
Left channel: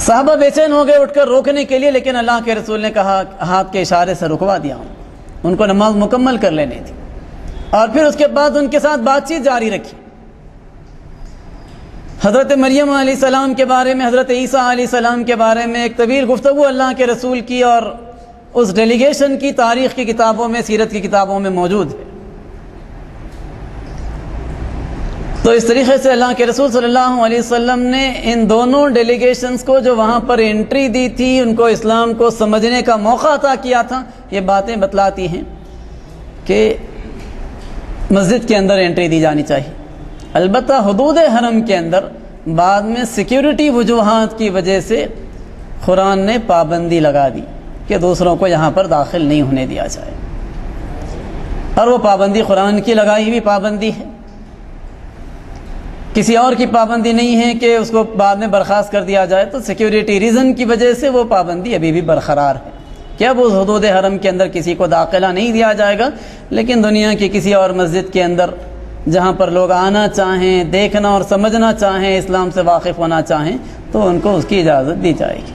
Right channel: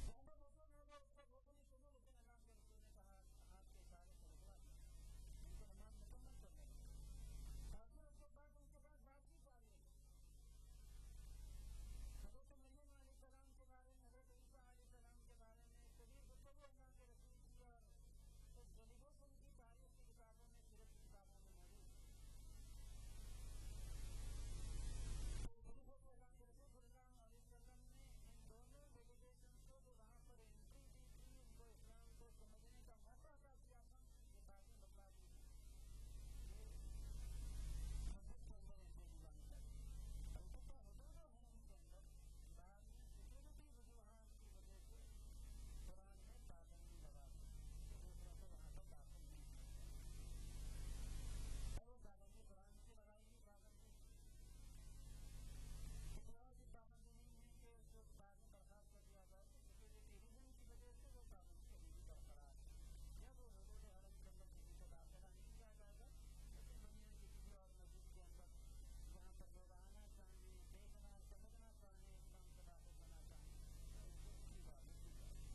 صحابہ بے چین ہو گئے اٹھ کر روکنے کے لیے، لیکن اللہ کے رسول نے کہا، ہاتھ کے اشارے سے رکوا دیا، ان کو نماز مکمل کر لینی تھی، اور پھر اس کے بعد ان کے ساتھ بات چیت جاری رکھی۔ حضرت مریم علیہ السلام کے بارے میں، حضرت عیسیٰ علیہ السلام کے بارے میں ایک طویل گفتگو اللہ کے رسول کی، اور اس ڈیلیگیشن کی تاریخ کی کتابوں میں، سیرت کی کتابوں میں موجود ہے۔ تو اس طریقے سے اللہ کے رسول صلی اللہ علیہ وسلم نے ان دونوں ڈیلیگیشنز کو جو وہاں پر انٹری دی تھی، ان کو اسلام کو سمجھنے کا موقع عطا کیا تھا۔ یہ باتیں بتلاتی ہیں کہ مسجد کے اندر انٹری دی جانی چاہیے، البتہ حدود حرم کے اندر بعد میں سیکیورٹی وجوہات کی وجہ سے قرآن نے پابندی لگا دی کہ دوسروں کو یہاں پر داخل نہیں ہونے دیا جائے، اور وہ پابندی قرآن کی لگائی ہوئی پابندی ہے، کسی اور کی پابندی نہیں ہے کہ اس کو بعد میں برخاست کر دیا جائے۔ تو سیکیورٹی ریزن کی وجہ سے وہ پابندی ابھی بھی برقرار ہے کہ اب اس حدود حرم کے اندر کسی کو داخلہ نہیں دیا جائے گا، لیکن دنیا کی کسی اور مسجد کے اندر جہاں پر لوگ آنا چاہیں، دیکھنا اور سمجھنا چاہیں، اسلام سے واقف ہونا چاہیں، تو ان کو اس کی اجازت دی جائے گی۔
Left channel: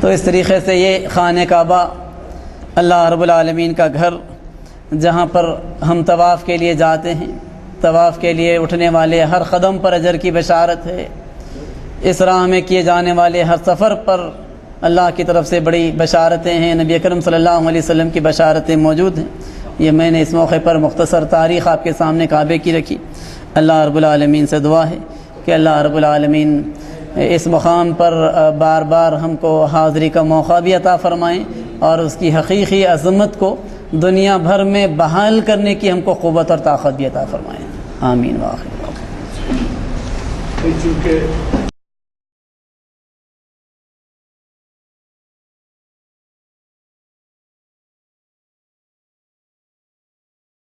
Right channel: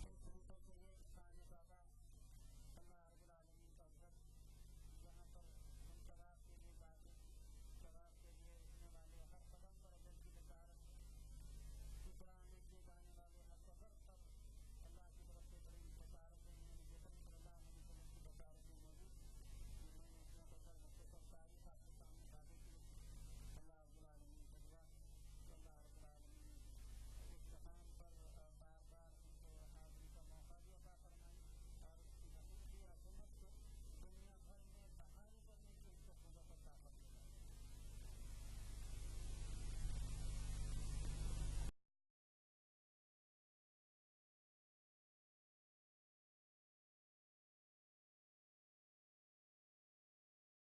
تو اس طریقے سے یہ خانہ کعبہ اللہ رب العالمین کا گھر، جہاں پر ہم طواف کے لیے جاتے ہیں، طواف کے لیے اٹھنے والے ہر قدم پر اجر کی بشارت ہے، اس راہ میں کیے جانے والے ہر سفر پر اللہ کی طرف سے بڑی بشارتیں ہیں، نبی اکرم صلی اللہ علیہ وسلم کی بشارتیں موجود ہیں۔ یہ میں نے اس موقع پر مختصر تاریخ آپ کے سامنے کعبے کی رکھی۔ اللہ رب العالمین سے دعا ہے کہ اللہ رب العالمین اس مقام پر بار بار ہم کو حاضری کا موقع بھی عطا فرمائیں اور اس کی حقیقی عظمت کو دنیا بھر میں بحال کرنے کی ہم کو قوت اور طاقت بھی عطا فرمائیں۔ آمین واخر۔ چونکہ